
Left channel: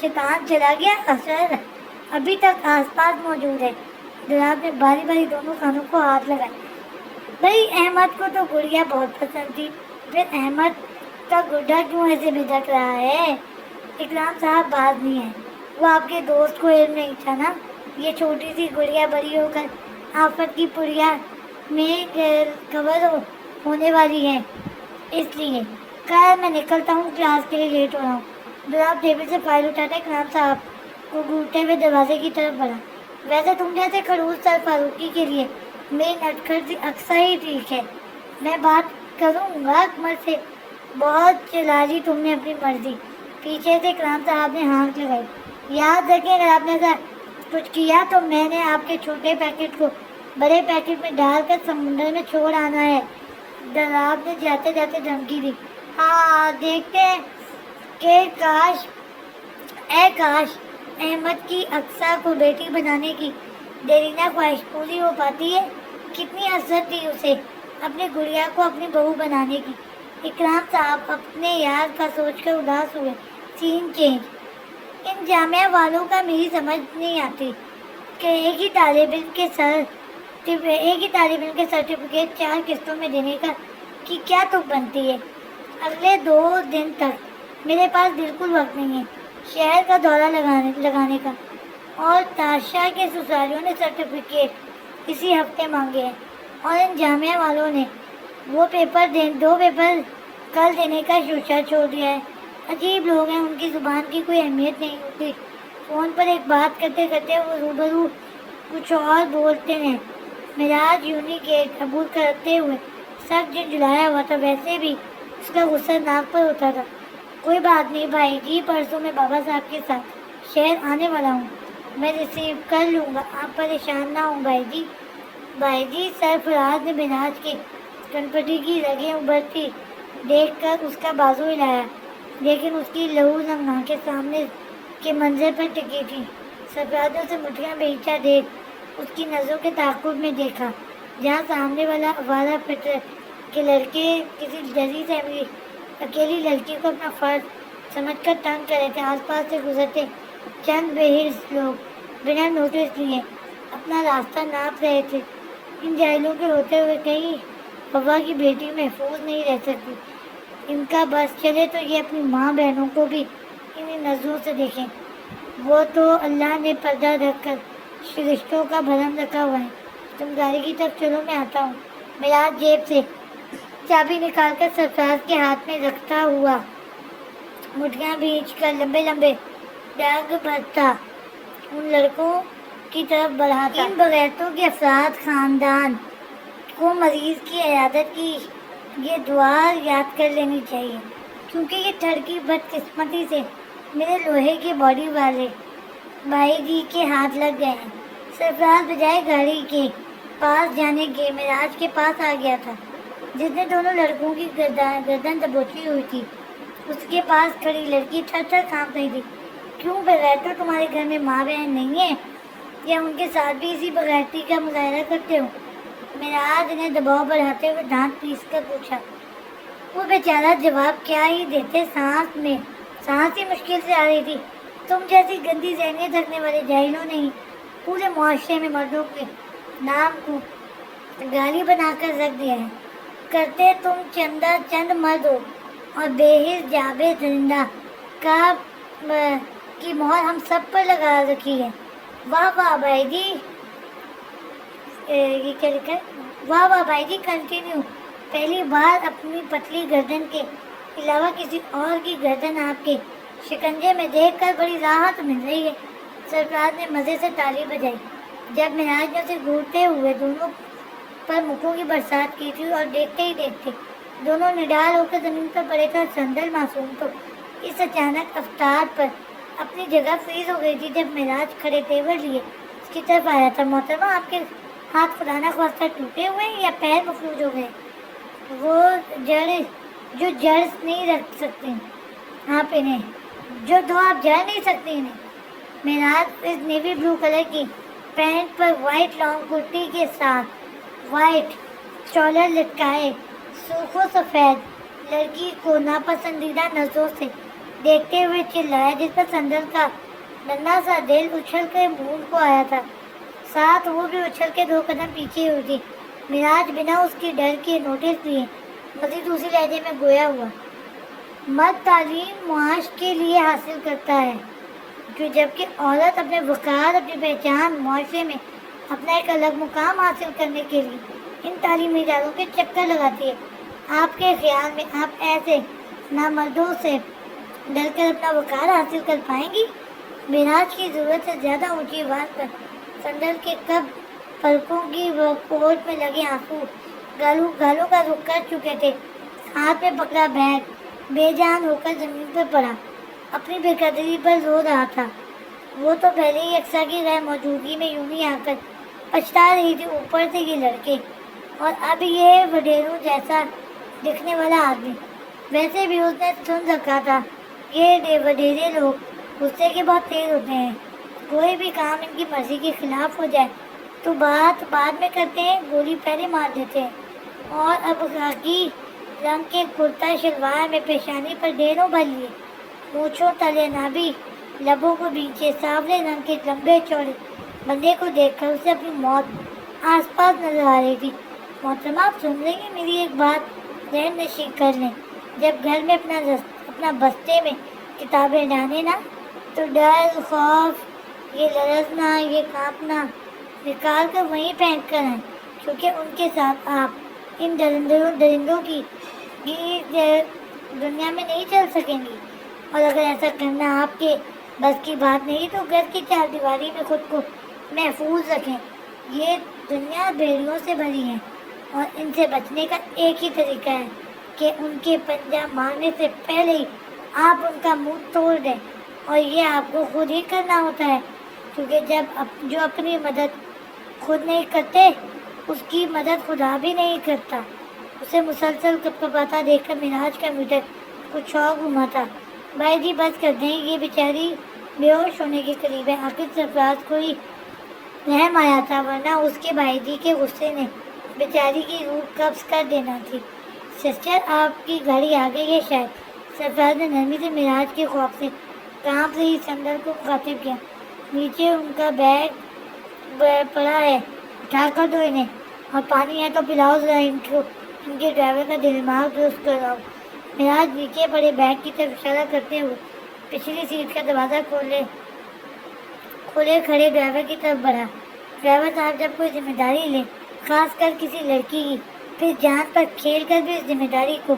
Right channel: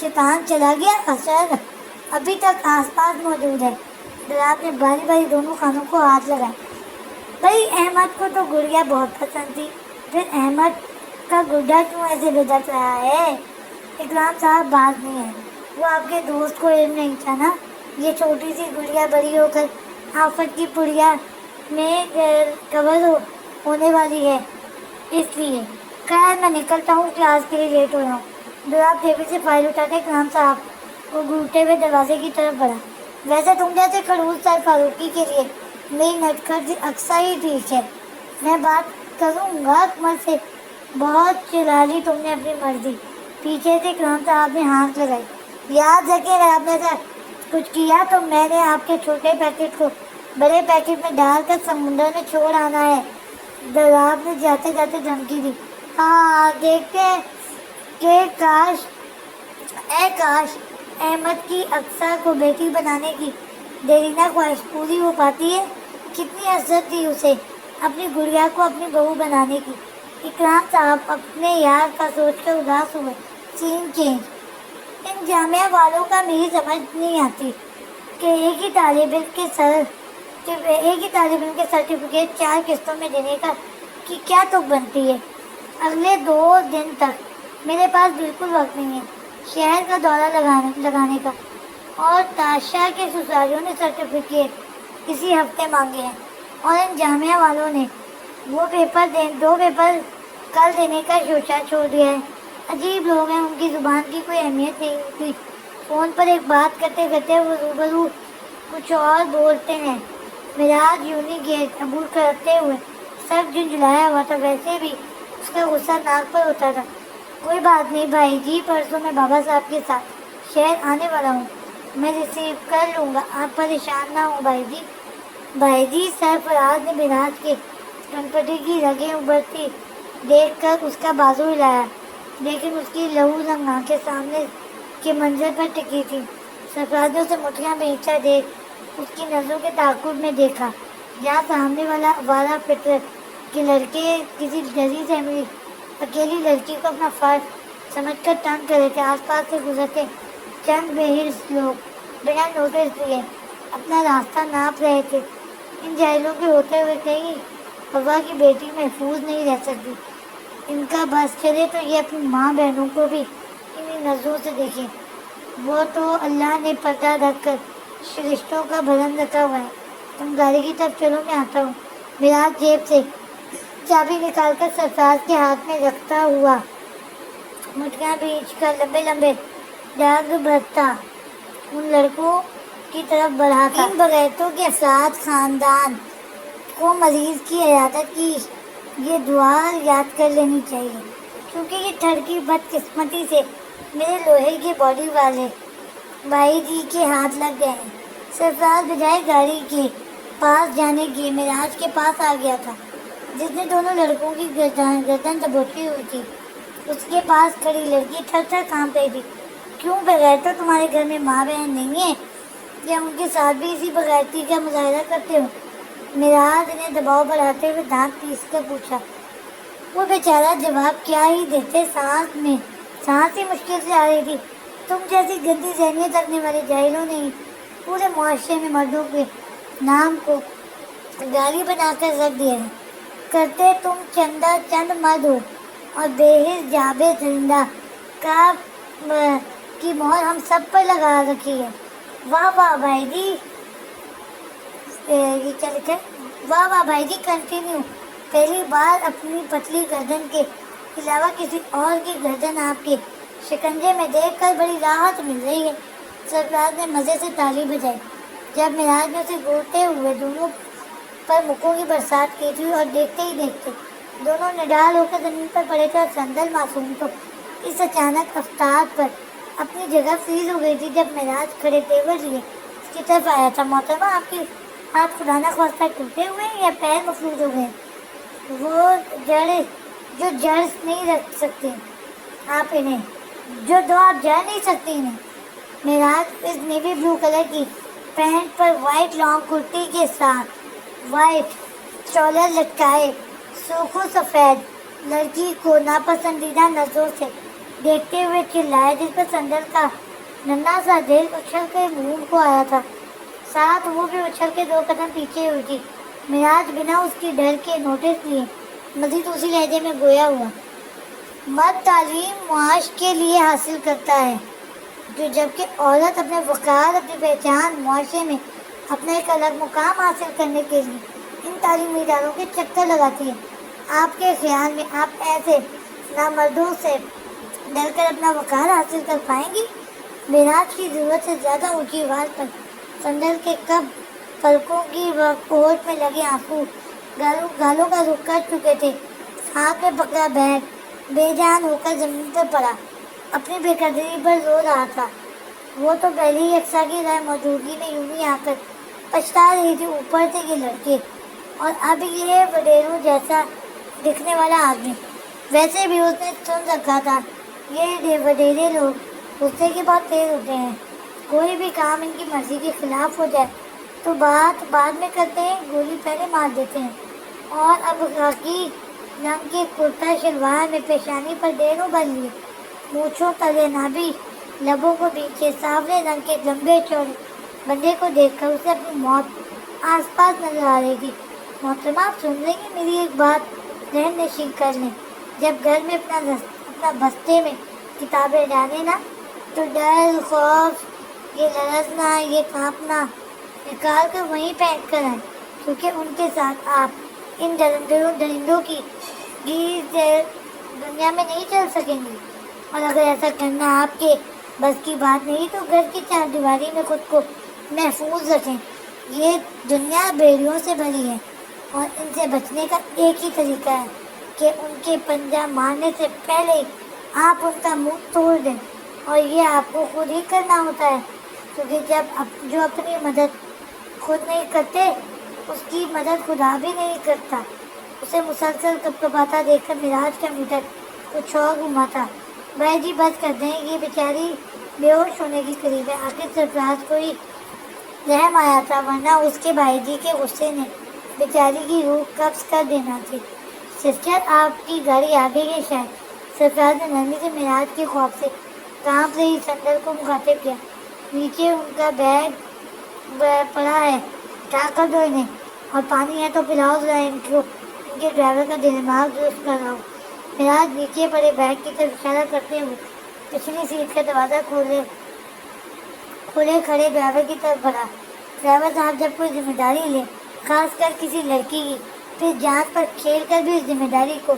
شیطان چلا گیا، اثر ابھی تک آس پاس موجود ہے۔ دراب نے باری باری دونوں کانوں کو ہاتھ لگائے۔ بھائی احمد کو تو گڑیا بہت پسند تھی، پھر احمد کا گڈھا کیوں ایسے بھدک رہا ہے؟ اکرام صاحب باز نہیں ہے، وہ آپ کے دوست کو علم نہیں تھا نا، یہ چھوٹی سی گڑیا بڑی ہو کر آفت کی پڑیا میں کور ہو ہونے والی ہے، اس لیے خیر میں نکلتا ہوں، کلاس کے لیے لیٹ ہو رہا ہوں۔ دراب ٹیبل سے فائل اٹھاتے کرام صاحب وہ گھورتے ہوئے دروازے کی طرف بڑھا۔ ویسے تم جیسے خڑوس سر فاروقی کے لیے میری نٹکھٹ اکثر ہی ٹھیک ہے، میں بات کروں گا اکمل سے۔ بہت چلا لی تم نے اپنی مرضی۔ پیچھے سے کرام صاحب نے ہانک لگائی۔ یاد رکھے اگر آپ نے ایسا کچھ کیا تو میں نے آپ کے چھوٹے پیکٹ کو بڑے پیکٹ میں ڈال کر سمندر میں چھوڑ آنا ہے۔ دراب نے جاتے جاتے دھمکی دی۔ ہاں دیکھتے ہیں کہ کاش احمد کی اقصیٰ کو بیٹی بنانے کی دیرینہ خواہش پوری ہو پاتی ہے۔ کتنی عزت دی اسے اپنی گڑیا کو اپنی بہو بنانے کی۔ اکرام صاحب اپنے یار کا سوچ کر اداس ہوئے۔ سین چینج۔ ان جامعہ والوں کا میری سمجھ نہیں آتی کہ ایک ہی طالب علم کے سرٹیفکیٹ 4 قسطوں میں دینے کی کیا توق بنتی ہے۔ اگلے 2 دن تک میرے پاس بالکل وقت نہیں ہے شہر کا دورہ لگانے کا، اور تاشا کے سسرالیوں نے سرٹیفکیٹ اسی ہفتے مانگے ہیں، اور ان جامعہ والوں نے 2 پیپر کل دینے کا شوشہ چھوڑ دیا ہے۔ عجیب لوگ ہیں، ان کی زبان کی کوئی اہمیت نہیں ہوتی۔ فون پر ایک بات کرتے کرتے وہ روبرو کچھ اور بولتے ہیں۔ معراج یونی گیٹ عبور کرتے ہوئے سب جھنجھلایا ہوا تھا، ویسے بھی اس کا غصہ ناک پر ہوتا تھا۔ کوئی بات نہیں بھائی جی، پرسوں میں بابا صاحب کے ساتھ شہر آنے والا ہوں، میں ریسیو کر لوں گا، آپ پریشان نہ ہوں بھائی جی۔ بھائی جی سرفراز نے معراج کے کنپٹی کی رگیں ابھرتی دیکھ کر اس کا بازو ہلایا، لیکن اس کی لہو رنگ آنکھیں سامنے کے منظر پر ٹکی تھی۔ سرفراز نے اسے مٹھیاں بھینچا دیکھ اس کی نظروں کے تعاقب میں دیکھا، جہاں سامنے والا آوارہ فطرت کے لڑکے کسی ڈری سہمی اکیلی لڑکی کو اپنا فرد سمجھ کر تنگ کر رہے تھے۔ آس پاس سے گزرتے چند بے حرص لوگ بنا نوٹس لیے اپنا راستہ ناپ رہے تھے۔ ان جاہلوں کے ہوتے ہوئے کہیں ہوا کی بیٹی محفوظ نہیں رہ سکتی۔ ان کا بس چلے تو یہ اپنی ماں بہنوں کو بھی انہی نظروں سے دیکھیں۔ وہ تو اللہ نے پردہ رکھ کر رشتوں کا بھرم رکھا ہوا ہے۔ تم گاڑی کی طرف چلو، میں آتا ہوں۔ معراج جیب سے چابی نکال کر سرفراز کے ہاتھ میں رکھتا ہوا مٹھیاں بھینچ کر لمبے لمبے ڈگ بھرتا ان لڑکوں کی طرف بڑھا تھا۔ ان بغیرتوں کے افراد خاندان کو مریض کی عیادت کی یہ دعا یاد کر لینی چاہیے، کیونکہ یہ ٹھڑکی بدقسمتی سے میرے لوہے کی باڈی والے بھائی جی کے ہاتھ لگ گئے ہیں۔ سرفراز بجائے گاڑی کے پاس جانے کے معراج کے پاس آ گیا تھا، جس نے دونوں لڑکوں کی گردن دبوچی ہوئی تھی۔ اس کے پاس کھڑی لڑکی تھر تھر کانپ رہی تھی۔ کیوں بغیرتوں، تمہارے گھر میں ماں بہن نہیں ہے، یا ان کے ساتھ بھی اسی بغیرتی کا مظاہرہ کرتے ہو؟ معراج نے دباؤ بڑھاتے ہوئے دانت پیس کر پوچھا۔ وہ بیچارہ جواب کیا ہی دیتے، سانس ہی مشکل سے آ رہی تھی۔ تم جیسی گندی ذہنیت رکھنے والے جاہلوں نے ہی پورے معاشرے میں مردوں کے نام کو گالی بنا کر رکھ دیا ہے۔ کرتے تم چند مرد ہو، اور بے حس جابر درندہ کی مہر ہم سب پر لگا رکھی ہے۔ واہ واہ بھائی جی، یہ کیا لکھا ہے؟ واہ واہ بھائی جی، کنٹینیو۔ پہلی بار اپنی پتلی گردن کے علاوہ کسی اور کی گردن آپ کے شکنجے میں دیکھ کر بڑی راحت مل رہی ہے۔ سرفراز نے مزے سے تالی بجائی۔ جب معراج نے اسے گھورتے ہوئے دونوں پر مکوں کی برسات کی تھی، اور دیکھتے ہی دیکھتے دونوں نڈال ہو کر زمین پر پڑے تھا، سندل معصوم تو اس اچانک افطار پر اپنی جگہ فریز ہو گئی تھی۔ جب معراج کھڑے تیور لیے اس کی طرف آیا تھا، محترمہ آپ کے ہاتھ خدا نہ خواستہ ٹوٹے ہوئے ہیں یا پیر مفلوج ہو گئے؟ وہ جو جڑ نہیں رکھ سکتی آپ انہیں، جو دو آپ جڑ نہیں سکتی انہیں۔ معراج اس نیوی بلو کلر کی پینٹ پر وائٹ لانگ کرتی کے ساتھ وائٹ شولر لٹکائے سرخ و سفید لڑکی کو ناپسندیدہ نظروں سے دیکھتے ہوئے چلایا، جس پر سندل کا ننھا سا دل اچھل کے منہ کو آیا تھا، ساتھ وہ بھی اچھل کے 2 قدم پیچھے ہوئی تھی۔ معراج بنا اس کی ڈر کے نوٹس لیے مزید اسی لہجے میں گویا ہوا۔ مرد تعلیم معاش کے لیے حاصل کرتا ہے، جبکہ عورت اپنے وقار، اپنی پہچان، معاشرے میں اپنا ایک الگ مقام حاصل کرنے کے لیے ان تعلیمی اداروں کے چکر لگاتی ہے۔ آپ کے خیال میں آپ ایسے نامردوں سے ڈر کر اپنا وقار حاصل کر پائیں گی؟ معراج کی ضرورت سے زیادہ اونچی آواز پر سندل کے کب پلکوں کی کوٹ میں لگے آنسو گالوں کا رخ کر چکے تھے. ہاتھ میں پکڑا بیگ بے جان ہو کر زمین پر پڑا. اپنی بے قدری پر رو رہا تھا. وہ تو پہلے ہی یکساں کی غیر موجودگی میں یوں ہی آ کر پچھتا رہی تھی، اوپر سے یہ لڑکی اور اب یہ وڈیروں جیسا دکھنے والا آدمی. ویسے بھی اس نے سن رکھا تھا یہ وڈیرے لوگ غصے کے بہت تیز ہوتے ہیں. کوئی بھی کام ان کی مرضی کے خلاف ہو جائے تو بات بعد میں کرتے ہیں، گولی پہلے مار دیتے ہیں. اور اب خاکی رنگ کے کرتا شلوار میں پیشانی پر ڈیروں بھر لی، مونچھوں تلے نابی، لبوں کو نیچے سانولے رنگ کے لمبے چوڑے بندے کو دیکھ کر اسے اپنی موت آس پاس نظر آ رہی تھی. محترمہ آپ سن لیں گی میری ایک بات، رحم نشیں کر لیں. جب گھر میں اپنا بستے میں کتابیں ڈالیں نا تو ڈر، خوف، یہ لرزنا، یہ کانپنا نکال کر وہیں پھینک کر آئیں، کیونکہ ان کے ساتھ آپ ان درندوں کی دنیا میں نہیں چل سکیں گی. اور اگر ایسا کرنا آپ کے بس کی بات نہیں تو گھر کی چار دیواری میں خود کو محفوظ رکھیں. یہ دنیا بیڑیوں سے بھری ہے اور ان سے بچنے کا ایک ہی طریقہ ہے کہ ان کے پنجہ مارنے سے پہلے ہی آپ ان کا منہ توڑ دیں. اور یہ آپ کو خود ہی کرنا ہوتا ہے، کیونکہ جو اپنی مدد خود نہیں کرتے اس کی مدد خدا بھی نہیں کرتا. اسے مسلسل کپکپاتا دیکھ کر معراج کا میٹر کچھ اور گھما تھا. بھائی جی بس کرتے ہیں، یہ بیچاری بے ہوش ہونے کے قریب ہے. آخر سرفراز کو ہی رحم آیا تھا، ورنہ اس کے بھائی جی کے غصے نے بیچاری کی روح قبض کر دینا تھی. سسٹر آپ کی گاڑی آ گئی ہے شاید. سرفراز نے نرمی سے معراج کی خوف سے کانپ رہی سندل کو مخاطب کیا. نیچے ان کا بیگ پڑا ہے، اٹھا کر دو انہیں، اور پانی ہے تو پلاؤ ذرا ان کے ڈرائیور کا دماغ درست کر رہا ہوں. معراج نیچے پڑے بیگ کی طرف اشارہ کرتے ہوئے پچھلی سیٹ کا دروازہ کھولے کھڑے ڈرائیور کی طرف بڑھا. ڈرائیور صاحب جب کوئی ذمہ داری لے، خاص کر کسی لڑکی کی، پھر جان پر کھیل کر بھی اس ذمہ داری کو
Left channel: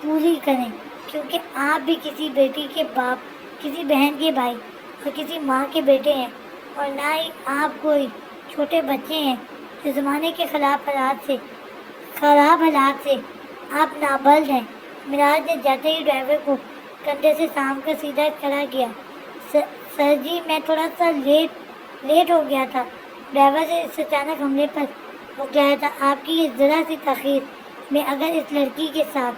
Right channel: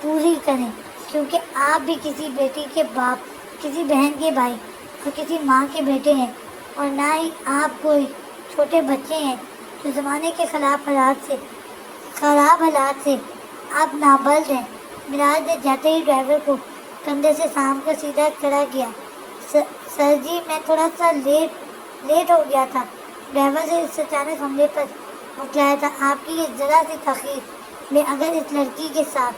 پوری کریں، کیونکہ آپ بھی کسی بیٹی کے باپ، کسی بہن کے بھائی اور کسی ماں کے بیٹے ہیں، اور نہ ہی آپ کوئی چھوٹے بچے ہیں جو زمانے کے خراب حالات سے آپ نابلد ہیں. معراج نے جاتے ہی ڈرائیور کو کندھے سے سانپ کر سیدھا کھڑا کیا. سر جی میں تھوڑا سا لیٹ ہو گیا تھا. ڈرائیور سے اس اچانک حملے پر مکلایا تھا. آپ کی یہ ذرا سی تاخیر میں اگر اس لڑکی کے ساتھ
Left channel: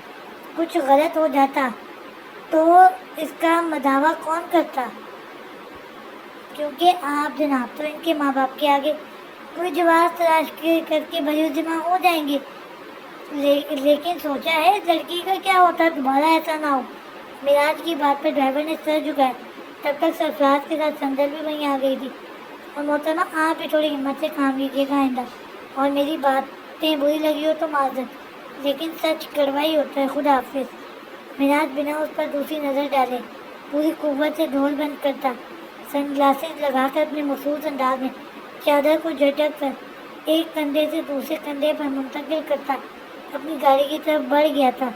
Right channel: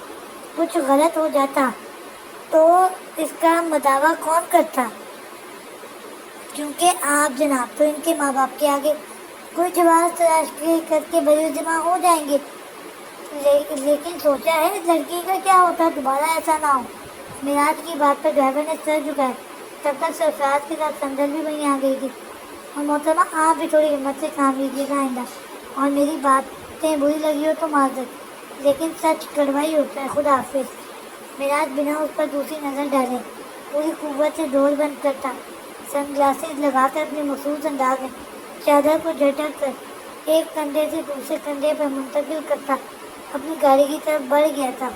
کچھ غلط ہو جاتا تو اس کا مداوع کون کرتا؟ کیونکہ آپ جناب تو ان کے ماں باپ کے آگے کوئی جواز تلاش کر کے بری ذمہ ہو جائیں گے. لیکن سوچا ہے اس لڑکی کا کیا ہوتا دوبارہ ایسا نہ ہو. معراج کی بات پر ڈرائیور نے سر جھکایا. تب تک سرفراز کے ساتھ سندل بھی وہیں آ گئی تھی. اور محترمہ آپ بھی تھوڑی ہمت سے کام لیجیے گا آئندہ، اور میری باتیں بری لگی ہو تو معذرت، لیکن سچ کڑوا ہی ہوتا ہے. خدا حافظ. معراج بنا اس پر دوسری نظر ڈالے پوری قوت سے ڈور بند کرتا، سن گلاسز لگا کر اپنے مخصوص انداز میں چادر کو جھٹک کر ایک کندھے سے دوسرے کندھے پر منتقل کرتا اپنی گاڑی کی طرف بڑھ گیا تھا.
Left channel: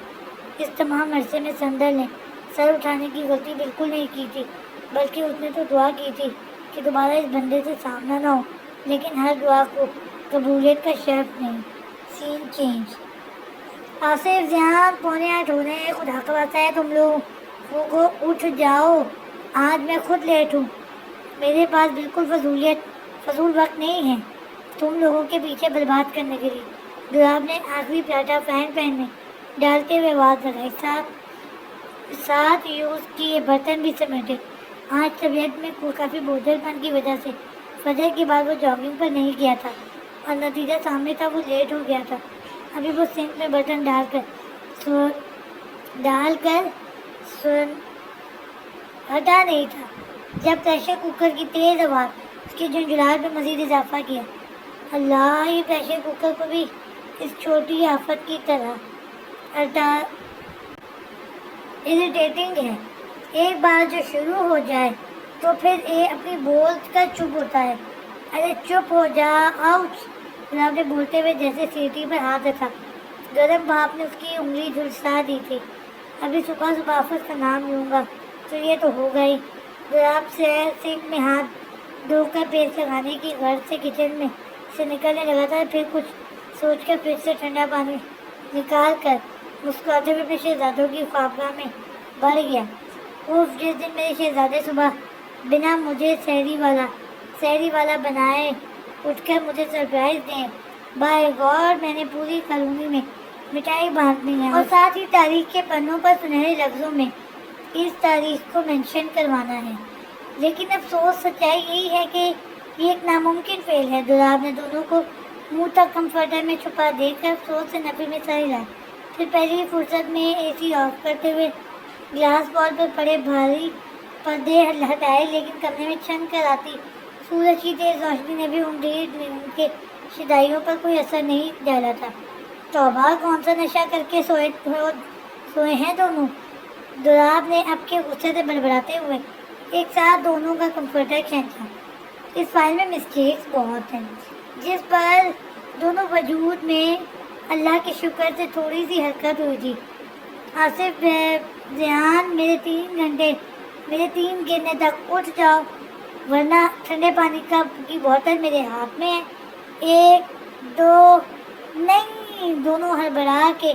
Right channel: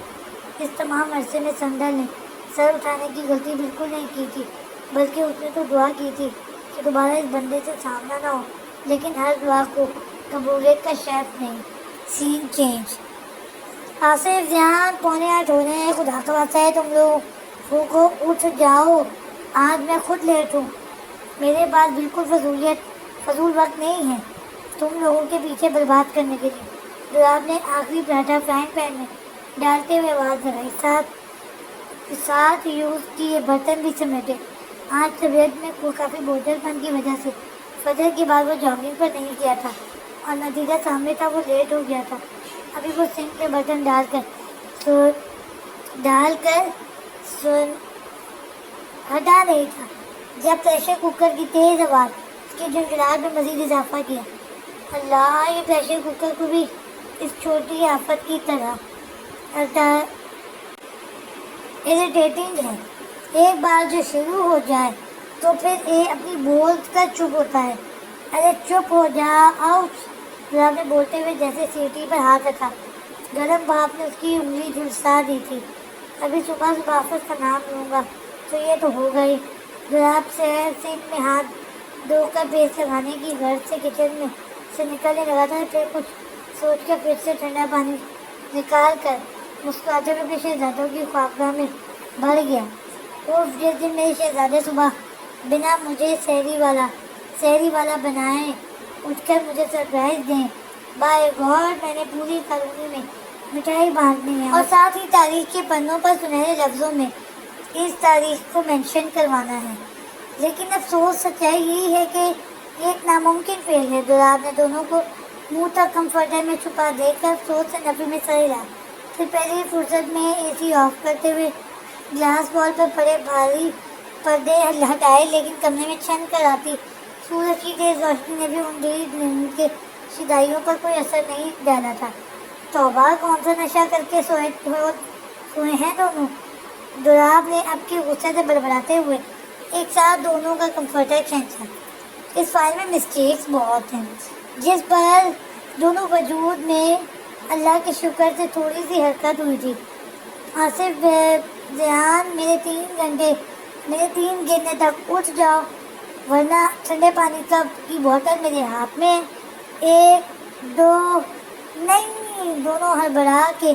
اس تمام عرصے میں سندل نے سر اٹھانے کی غلطی بالکل نہیں کی تھی، بلکہ اس نے تو دعا کی تھی کہ دوبارہ اس بندے سے سامنا نہ ہو. لیکن ہر دعا کو قبولیت کا شرط نہیں. سین چینج. آصف ذہان 7:45 ہونے ہیں. خدا کا واسطہ ہے تم لوگوں کو اٹھ جاؤ، آج میں خود لیٹ ہوں. میرے پاس بالکل فضول وقت نہیں ہے تم لوگوں کے پیچھے برباد کرنے کے لیے. دولاب نے آخری پراٹھا فرائنگ پین میں ڈالتے ہوئے آواز لگائی. ساتھ یوز کیے برتن بھی سمیٹے. آج طبیعت میں کافی بوجھل پن کی وجہ سے فجر کے بعد وہ جاگنگ پر نہیں گیا تھا، اور نتیجہ سامنے تھا، وہ لیٹ ہو گیا تھا. ابھی وہ سنک میں برتن ڈال کر ہٹا نہیں تھا جب پریشر کوکر کی تیز آواز اس کی جھنجھلاہٹ میں مزید اضافہ کیا. اللہ، یہ پریشر کوکر کو بھی اس چھوٹی آفت کی طرح اریٹیٹنگ ہے. ایک بار جو شروع ہو جائے تو پھر یہ اپنی بول کر چپ ہوتا ہے. ارے چپ ہو جا. آؤچ. آپ نے بولتے ہوئے جیسے سیٹی پر ہاتھ رکھا گرم بھاپ نے اس کی انگلی جھلسا دی تھی۔ ابھی صبح صبح آفت کا نام لوں گا تو یہ تو ہوگا ہی۔ دولاب سے میں ہاتھ دھو کر بیس لگانے کی غرض سے کچن میں سے نکلنے لگا تھا، پھر کچھ سوچ کر فریج سے ٹھنڈا پانی نکال کر مسکراتے ہوئے اپنے شہزادوں کی خوابگاہ میں بڑھ گیا۔ وہ جس دن میرے شہزادے صبح بنا مجھے سحری والا بنائے اٹھ کر مجھے سرپرائز دیں، بائے گاڈ میں نے پوری کالونی میں مٹھائی بانٹنی ہے اور ساتھ ہی تاریخ کے پنوں پر سنہرے لفظوں میں اس تاریخ کو مینشن کروانا ہے۔ لیکن افسوس سچائی یہی ہے کہ یہ ایک ناممکن فعل ہے۔ دولاب نے دونوں کو منہ تک کمفرٹر میں چھپا دے کر افسوس سے نفے میں سر ہلایا، پھر پہلی فرصت میں اے سی آف کرتے ہوئے گلاس وال پر پڑے بھاری پردے ہٹائے، لیکن کمرے میں چھن کر آتی سورج کی تیز روشنی نے بھی ان ڈھیٹ نیند کی شدائیوں پر کوئی اثر نہیں ڈالا تھا۔ توبہ، کون سا نشہ کر کے سوئے ہیں دونوں؟ دولاب نے اب کے غصے سے بڑبڑاتے ہوئے ایک ساتھ دونوں کا کمفرٹر کھینچا۔ اس فائل میں مسٹیکس بہت ہیں، جس پر دونوں وجود میں اللہ کے شکر سے تھوڑی سی حرکت ہوئی تھی۔ آصف، ذیان، میرے 3 گرنے تک اٹھ جاؤ، ورنہ ٹھنڈے پانی کی بوتل میرے ہاتھ میں ہے۔ 1 2 نہیں، دونوں ہڑبڑا کے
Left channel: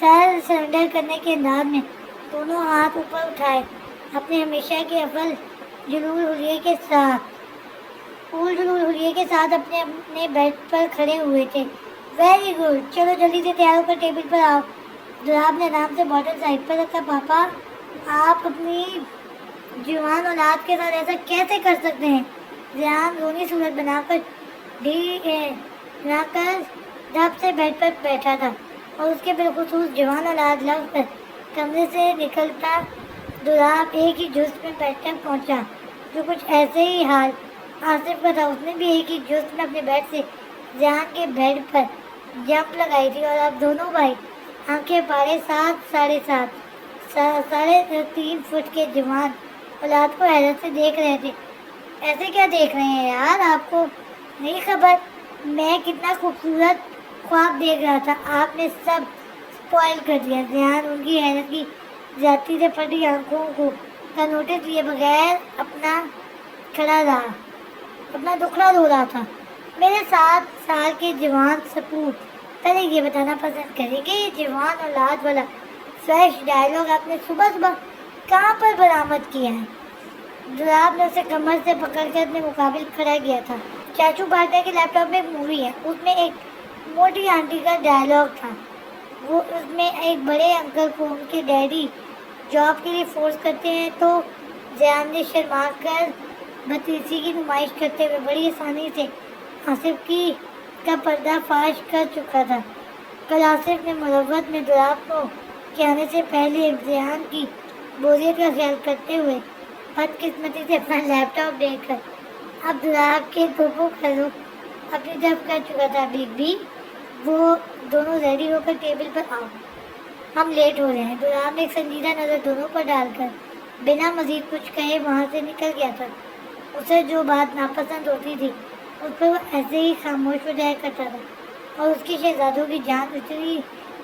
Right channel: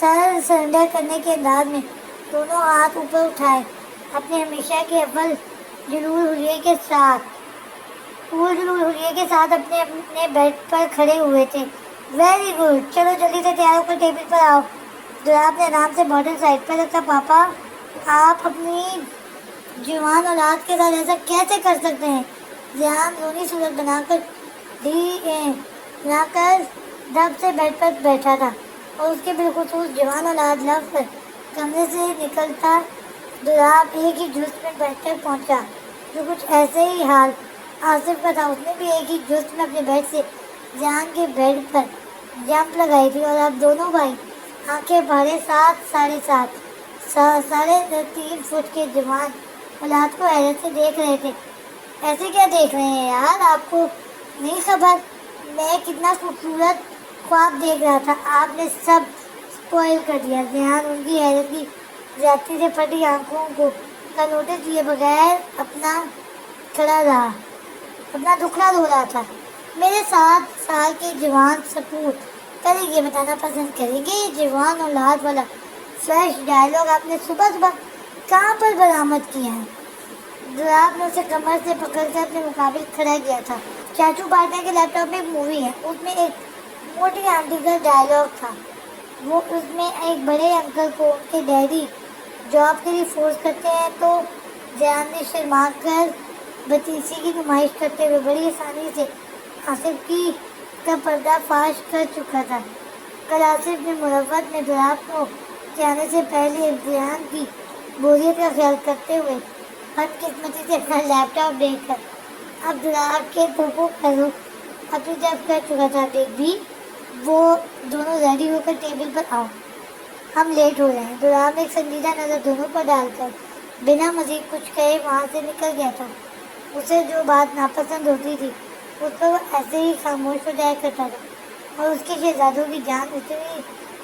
سر سرنڈر کرنے کے انداز میں دونوں ہاتھ اوپر اٹھائے، اپنے ہمیشہ کے اول جلول حلیے کے ساتھ اپنے بیڈ پر کھڑے ہوئے تھے۔ ویری گڈ، چلو جلدی سے تیار ہو کر ٹیبل پر آؤ۔ دولاب نے آرام سے بوتل سائڈ پر رکھا۔ پاپا، آپ اپنی جوان اولاد کے ساتھ ایسا کیسے کر سکتے ہیں؟ ذیان رونی صورت بنا کر دب سے بیڈ پر بیٹھا تھا اور اس کے بالخصوص جوان اولاد لفظ کمرے سے نکلتا دولاب ایک ہی جست میں بیٹھ کر پہنچا، جو کچھ ایسے ہی حال آصف کا تھا۔ اس نے بھی ایک ہی جست میں اپنے بیڈ سے ذیان کے بیڈ پر جمپ لگائی تھی اور اب دونوں بھائی آنکھیں پھاڑے 3.5 فٹ کے جوان اولاد کو حیرت سے دیکھ رہے تھے۔ ایسے کیا دیکھ رہے ہیں یار؟ آپ کو نہیں خبر میں کتنا خوبصورت خواب دیکھ رہا تھا؟ آپ نے سب اسپوائل کر دیا۔ ذیان ان کی حیرت کی زیادتی سے پھٹی آنکھوں کا نوٹس لیے بغیر اپنا دکھڑا رو رہا تھا۔ میرے 7 سال کے جوان سپوت پہلے یہ بتانا پسند کریں گے یہ جوان اولاد والا فریش ڈائلاگ آپ نے صبح کہاں پر برآمد کیا ہے؟ دولاب نے اسے کمر سے پکڑ کر اپنے مقابل کھڑا کیا تھا۔ چاچو پارٹنر کے لیپ ٹاپ میں ایک مووی ہے، اس میں ایک موٹی آنٹی کا ڈائلاگ تھا۔ اس میں ایک بڑے انکل کو ان کے ڈیڈی جاب کے لیے فورس کرتے ہیں تو ذیان نے شرما کر بدتمیزی کی نمائش کرتے ہوئے بڑی آسانی سے آصف کا پردہ فاش کر چکا تھا۔ کل آصف نے مروت میں دولاب کے آنے سے پہلے ذیان کی بوریت کا خیال کرتے ہوئے بدقسمتی سے اپنا لیپ ٹاپ دے کر اب دولاب کے پھوپھو کا رخ اپنی طرف کر چکا تھا۔ بھی وہ دونوں ریڈی ہو کر ٹیبل پر آؤ، ہم لیٹ ہو رہے ہیں۔ دولاب ایک سنجیدہ نظر دونوں پر ڈال کر بنا مزید کچھ کہے وہاں سے نکل گیا تھا۔ اسے جو بات ناپسند ہوتی تھی اس پر وہ ایسے ہی خاموش ہو جایا کرتا تھا اور اس کے شہزادوں کی جان اتنی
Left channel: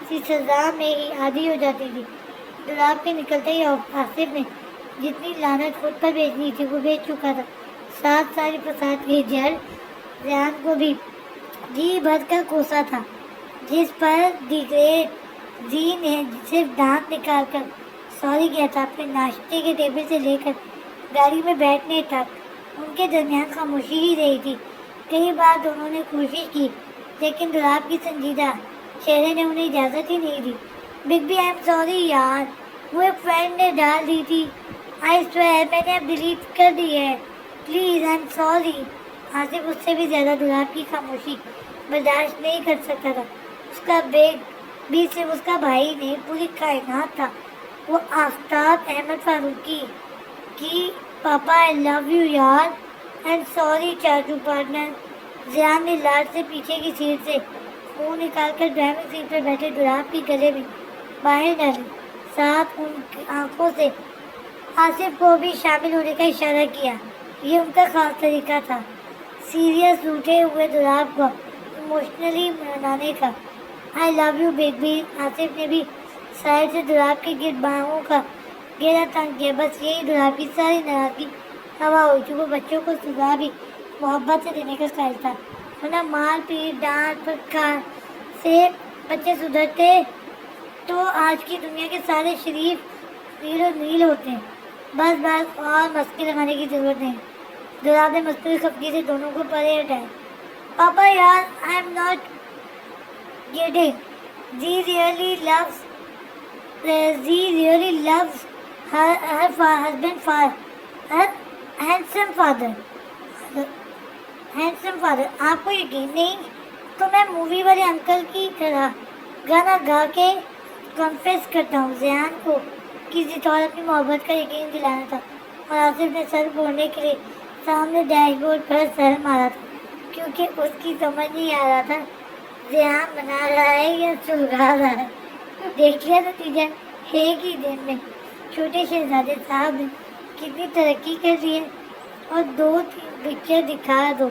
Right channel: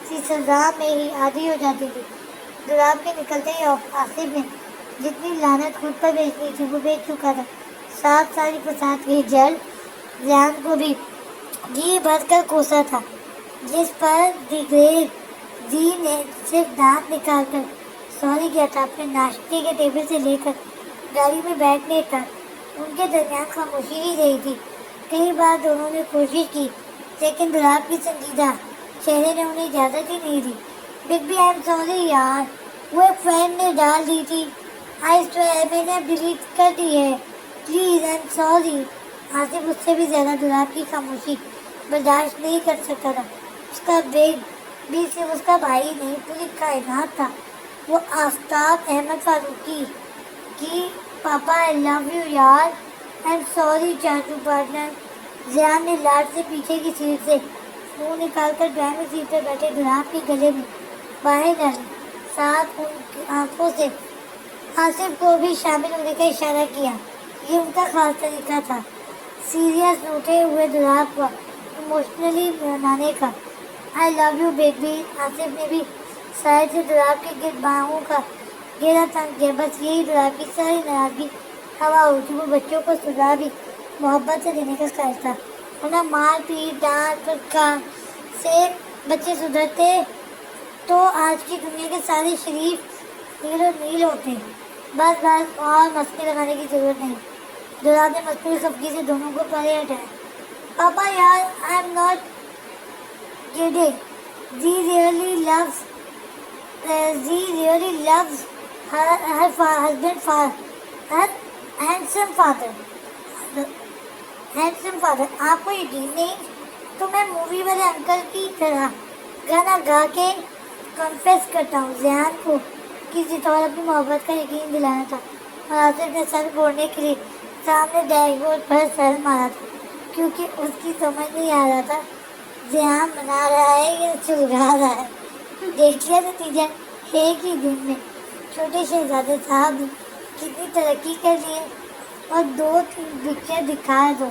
سی سزا میں ہی عادی ہو جاتی تھی۔ دولاب کے نکلتے ہی آصف نے جتنی لعنت خود پر بیچنی تھی وہ بیچ چکا تھا۔ 7 سال فساد کی جل ذیان کو بھی جی بھر کر کوسا تھا، جس پر دی گریٹ جی نے صرف دانت نکال کر سوری کیا تھا۔ اپنے ناشتے کے ٹیبل سے لے کر گاڑی میں بیٹھنے تک ان کے درمیان خاموشی ہی رہی تھی۔ کئی بار دونوں نے کوشش کی لیکن دولاب کی سنجیدہ چہرے نے انہیں اجازت ہی نہیں دی۔ Big B, I am sorry یار، وہ ایک فرینڈ نے ڈال دی تھی، آئی سویئر میں نے اب ڈیلیٹ کر دی ہے، please I am sorry. Asif اس سے بھی زیادہ دولاب کی خاموشی برداشت نہیں کر سکتا تھا۔ اس کا بھی صرف اس کا بھائی نہیں پوری کائنات تھا۔ وہ آفتاب احمد فاروقی کی پاپا آئی لو یو یار، آئی ایم سوری چاچو پارٹنر۔ ذیان نے لاٹ سے پیچھے کی سیٹ سے منہ نکال کر ڈرائیونگ سیٹ پر بیٹھے دولاب کے گلے میں باہیں ڈالی، ساتھ ان کی آنکھوں سے آصف کو بھی شامل ہونے کا اشارہ کیا۔ یہ ان کا خاص طریقہ تھا، سیریس روٹھے ہوئے دولاب کو ایموشنلی منانے کا۔ آئی لو یو بیبی. آصف نے بھی سائڈ سے دلاب کے گرد باہوں کا گھیرا تنگ کیا. بس یہی دلاب کی ساری ناراضگی ہوا ہو چکی. وہ بچوں کو سزا بھی محبت سے دینے کا قائل تھا. انہیں مار پیٹ ڈانٹ پھٹکار سے بچے سدھرتے تو آج کی دنیا کے سارے شریف نیل و نیل ہوتے ہیں. بس اور مستی لگانے کی ضرورت نہیں. دلاب نے مصنوعی خفگی سے دونوں کو پرے ہٹایا. پاپا یار, I am not kidding. She really loves her husband, her handsome father. آپ کو یقین نہیں تو میں مووی والے انکل کی طرح گانا گا کے کنفیس کرتا ہوں. زیان کو کسی طور اپنی محبت کا یقین دلانا تھا اور آصف نے سر پھوڑنے کے لیے سامنے ڈیش بورڈ پر سر مارا تھا, کیونکہ اس کی سمجھ نہیں آ رہا تھا زیان بنا رہا ہے یا سلگھا رہا ہے. دیکھ لیا نتیجہ, ایک ہی دن میں چھوٹے شہزادے صاحب نے کتنی ترقی کر لی ہے. اور 2-3 پکچر دکھا دو,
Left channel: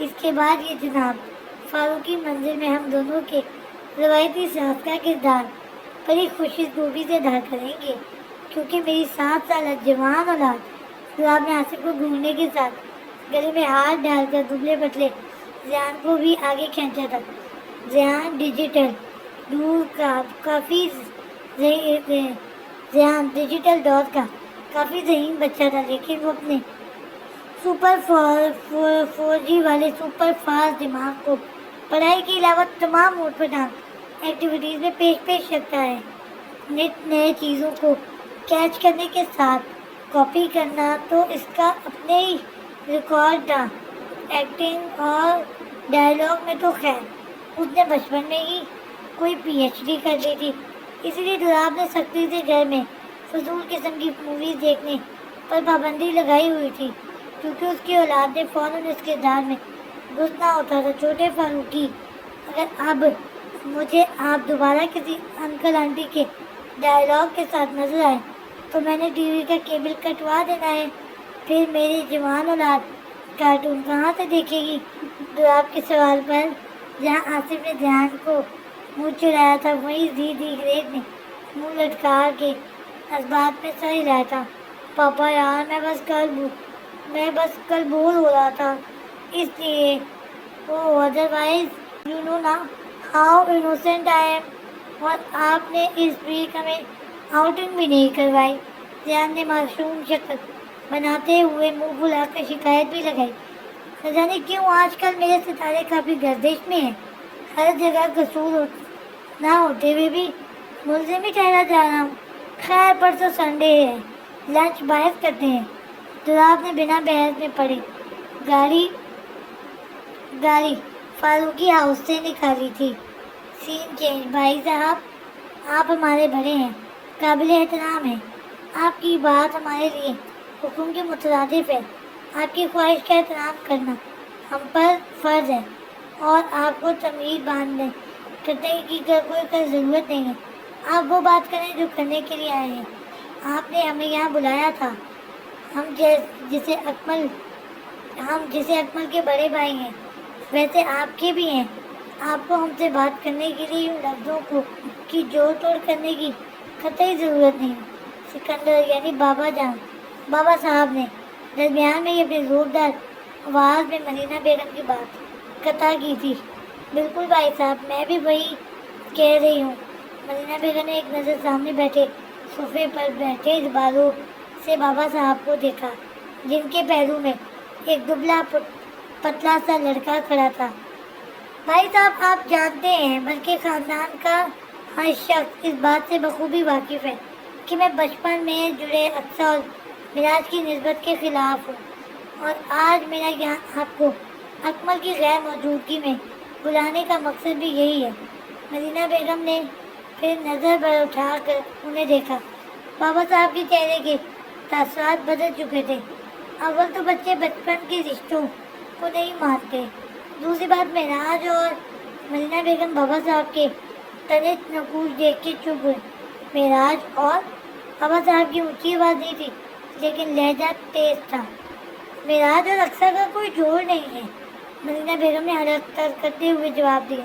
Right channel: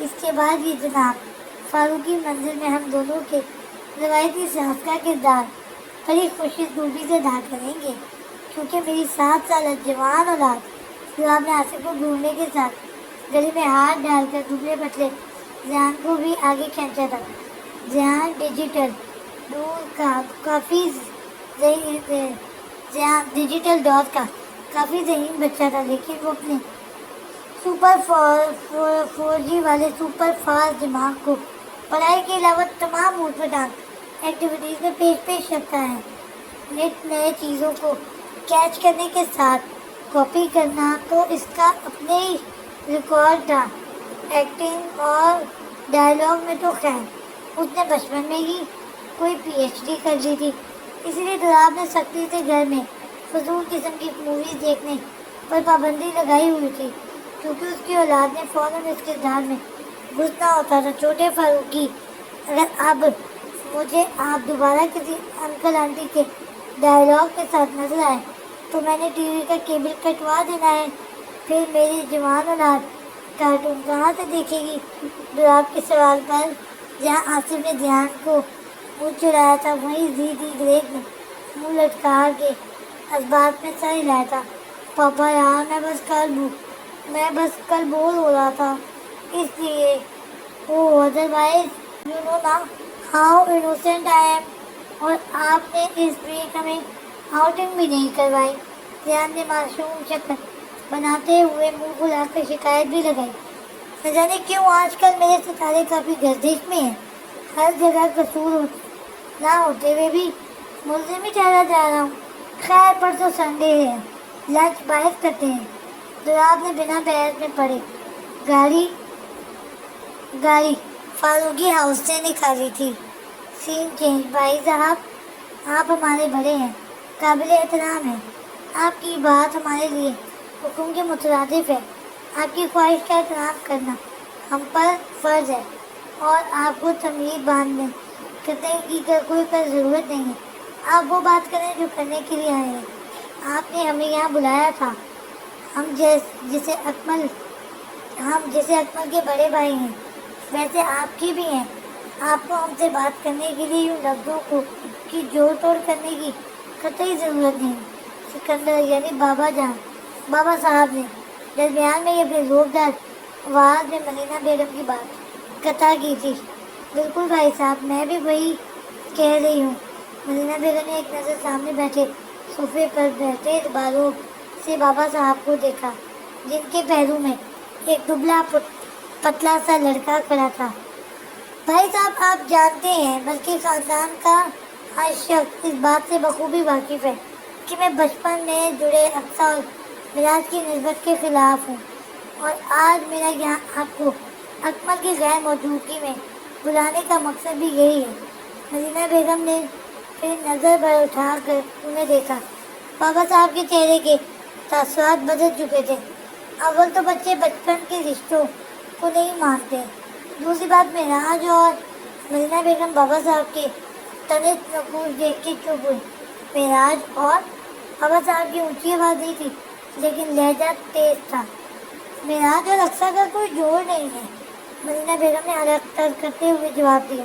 اس کے بعد یہ جناب فاروقی منظر میں ہم دونوں کے روایتی ساز کا کردار بڑی خوشی سے ادا کریں گے, کیونکہ میری 7 سالہ جوان اولاد دلاب نے آصف کو گھورنے کے ساتھ گلے میں ہاتھ ڈال کر دبلے پتلے زیان کو بھی آگے کھینچا تھا. زیان ڈیجیٹل دور کا کافی ذہین بچہ تھا, لیکن وہ اپنے سپر 4G والے سپر فاسٹ دماغ کو پڑھائی کے علاوہ تمام موڈ پر ٹانگ ایکٹیویٹیز میں پیش رکھتا ہے. نئے چیزوں کو کیچ کرنے کے ساتھ کاپی کرنا تو اس کا اپنے ہی ریکارڈ تھا. ایکٹنگ اور ڈائلاگ میں تو خیر اس نے بچپن میں ہی کوئی PhD کر لی تھی. اسی لیے دلاب نے سختی سے گھر میں فضول قسم کی موویز دیکھنے پر پابندی لگائی ہوئی تھی, کیونکہ اس کی اولاد نے فوراً اس کردار میں گھسنا ہوتا تھا. چھوٹے فاروقی, اگر اب مجھے آپ دوبارہ کسی انکل آنٹی کے ڈائلاگ کے ساتھ نظر آئے تو میں نے ٹی وی کا کیبل کٹوا دینا ہے. پھر میری جوان اولاد کارٹون کہاں سے دیکھے گی؟ دلاب کے سوال پر جہاں آصف نے دھیان کو منہ چڑھایا تھا, وہیں دی گریٹ نے منہ لٹکا کے اسباب میں سا ہلایا تھا. پاپا یار, میں بس کل بور ہو رہا تھا, اس لیے ادروائز یو نو نا ہاؤ انوسینٹ آئی ایم. اور آپ نے اس ویک ہمیں آؤٹنگ بھی نہیں کروائی. زیان نے معصوم شکل بناتے ہوئے منہ پھلا کر شکایت بھی لگائی. نہ جانے کیوں آج کل میرے ستارے کافی گردش میں ہیں. ہر جگہ قصور نہ ہوتے ہوئے بھی ملزم ہی ٹھہرا جا رہا ہوں. خیر پرسوں سنڈے ہے, لنچ باہر کرتے ہیں. دلاب نے بنا بحث میں پڑے گاڑی فاروقی ہاؤس سے نکالی تھی. سین چینج. بھائی صاحب, آپ ہمارے بڑے ہیں, قابل احترام ہیں. آپ کی بات ہمارے لیے حکم کے مترادف ہے. آپ کی خواہش کا احترام کرنا ہم پر فرض ہے, اور آپ کو تمیز باندھنے کرنے کی کوئی ضرورت نہیں ہے. آپ وہ بات کریں جو کرنے کے لیے آئے ہیں. آپ نے ہمیں یہاں بلایا تھا. ہم جسے اکمل کے بڑے بھائی ہیں ویسے آپ کے بھی ہیں. آپ کو ہم سے بات کرنے کے لیے ان لفظوں کی جوڑ توڑ کرنے کی قطعی ضرورت نہیں. سکندر یعنی بابا صاحب نے درمیان میں یہ اپنے زوردار آواز میں ملینا بیگم کی بات قطع کی تھی. بالکل بھائی صاحب, میں بھی وہی کہہ رہی ہوں. ملینا بیگم نے ایک نظر سامنے بیٹھے صوفے پر بیٹھے بارو سے بابا صاحب کو دیکھا, جن کے پیروں میں ایک دبلا پتلا سا لڑکا کھڑا تھا. بھائی صاحب, آپ جانتے ہیں بلکہ خاندان کا ہر شخص اس بات سے بخوبی واقف ہے کہ میں بچپن میں جڑے اقصا اور میراث کی نسبت کے خلاف ہوں, اور آج میرا یہاں آپ کو اکمل کی غیر موجودگی میں بلانے کا مقصد بھی یہی ہے. ملینا بیگم نے پھر نظر بھر اٹھا کر انہیں دیکھا. بابا صاحب کے چہرے کے تاثرات بدل چکے تھے. اول تو بچے بچپن کے رشتوں کو نہیں مانتے. دوسری بات معراج اور ملینا بیگم بابا صاحب کے تنت نقوش دیکھ کے چپ ہوئی. معراج اور بابا صاحب کی اونچی آواز نہیں تھی, لیکن لہجہ تیز تھا. معراج اور اقصا کا کوئی جوڑ نہیں ہے. ملینا بیگم نے حلق تر کرتے ہوئے جواب دیا.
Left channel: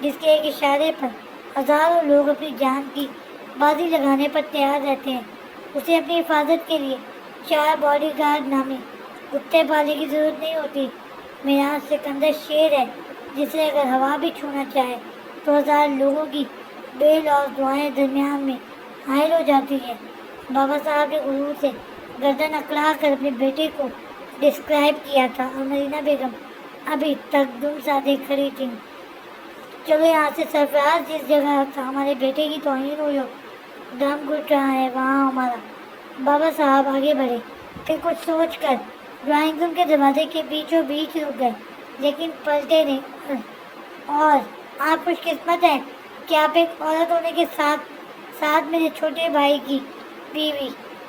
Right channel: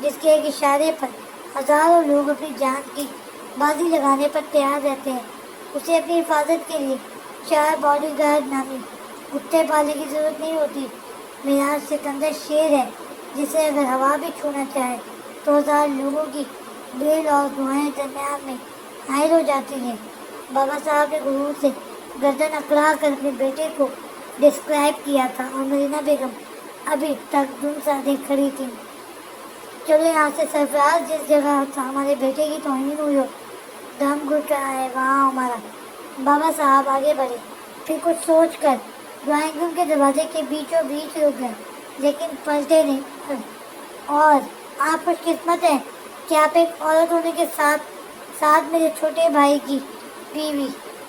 جس کے ایک اشارے پر ہزاروں لوگ اپنی جان کی بازی لگانے پر تیار رہتے ہیں۔ اسے اپنی حفاظت کے لیے 4 باڈی گارڈ نامی کتے پالنے کی ضرورت نہیں ہوتی۔ میراث سکندر شیر ہے جسے اگر ہوا بھی چھونا چاہے تو 1000 لوگوں کی بیل اور دعائیں درمیان میں حائل ہو جاتی ہیں۔ بابا صاحب نے غرور سے گردن اکڑا کر اپنے بیٹے کو ڈسکرائب کیا تھا اور مدینہ بیگم ابھی تک دم سادے کھڑی تھیں۔ چلو یہاں سے سرفراز، جس جگہ ہمارے بیٹے کی توہین ہوئی ہو، دم گھٹ رہا ہے وہاں ہمارا۔ بابا صاحب آگے بڑھے، پھر کچھ سوچ کر ڈرائنگ روم کے دروازے کے بیچوں بیچ رک گئے، لیکن پلٹے نہیں۔ اور آپ خوش قسمت ہیں کہ آپ ایک عورت ہونے کے ساتھ ساتھ میرے چھوٹے بھائی کی بیوی،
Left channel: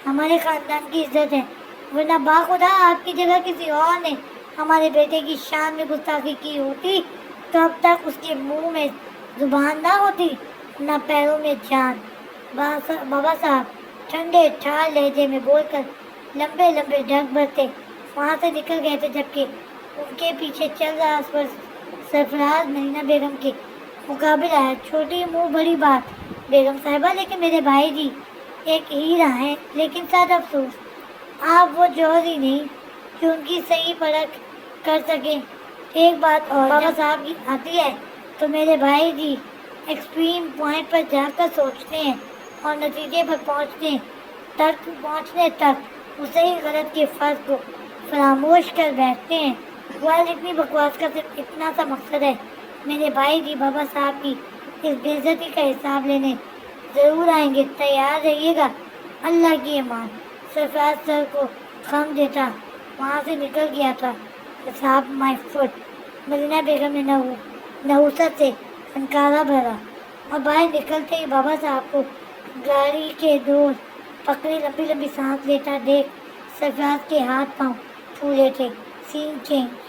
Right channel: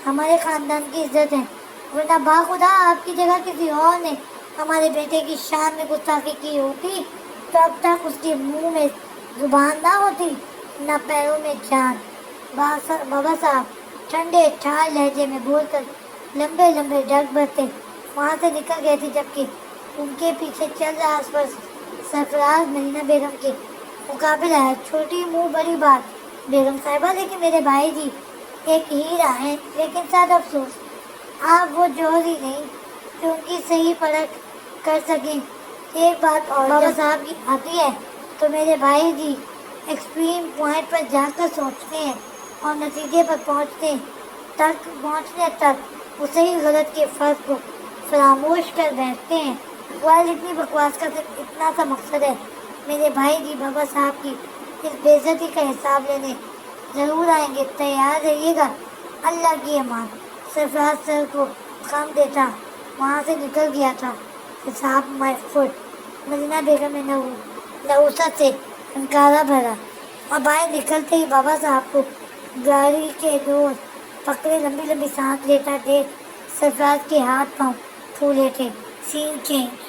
ہمارے خاندان کی عزت ہے، ورنہ باخدا آپ کی جگہ کسی اور نے ہمارے بیٹے کی شان میں گستاخی کی ہوتی تو اب تک اس کے منہ میں زبان نہ ہوتی، نہ پیروں میں جان۔ بابا صاحب ٹھنڈے ٹھار لہجے میں بول کر لمبے لمبے ڈگ برتے وہاں سے نکل گئے تھے، جبکہ ان کے پیچھے چل رہا سرفراز مدینہ بیگم کے مقابل آیا۔ چھوٹی منہ بڑی بات بیگم صاحبہ، لیکن میرے بھائی جی ایک ہیرا ہیں، لیکن صد افسوس آپ وہ جوہری نہیں کہ ان کی صحیح پرکھ کر سکیں۔ ایک بات اور، بابا صاحب کی آتی ہے تو میرے بھائی جی ایکسٹریم پوائنٹ پر جا کر سوچتے ہیں اور نتیجے پر پہنچنے تک وہ صحیح غلط کی فرق کو فراموش کر بیٹھتے ہیں۔ اتنی بکواس کا صرف اتنا سا مقصد ہے میرے بھائی جی بابا صاحب کی اس بے عزتی کا حساب لینے ضرور آئیں گے، تیار رہیے گا۔ اللہ کی امان۔ سرفراز سر کو خم دیتا وہاں سے نکل گیا تھا۔ حساب مائی فٹ۔ مدینہ بیگم نے نحوست سے انکارہ بھرا اور باہر نکلتے ہی بابا صاحب کو گاڑی کے ڈور پکڑے لمبی لمبی سانس لیتا دیکھ سرفراز کے ہاتھ پاؤں پھولے تھے۔ سین چینج۔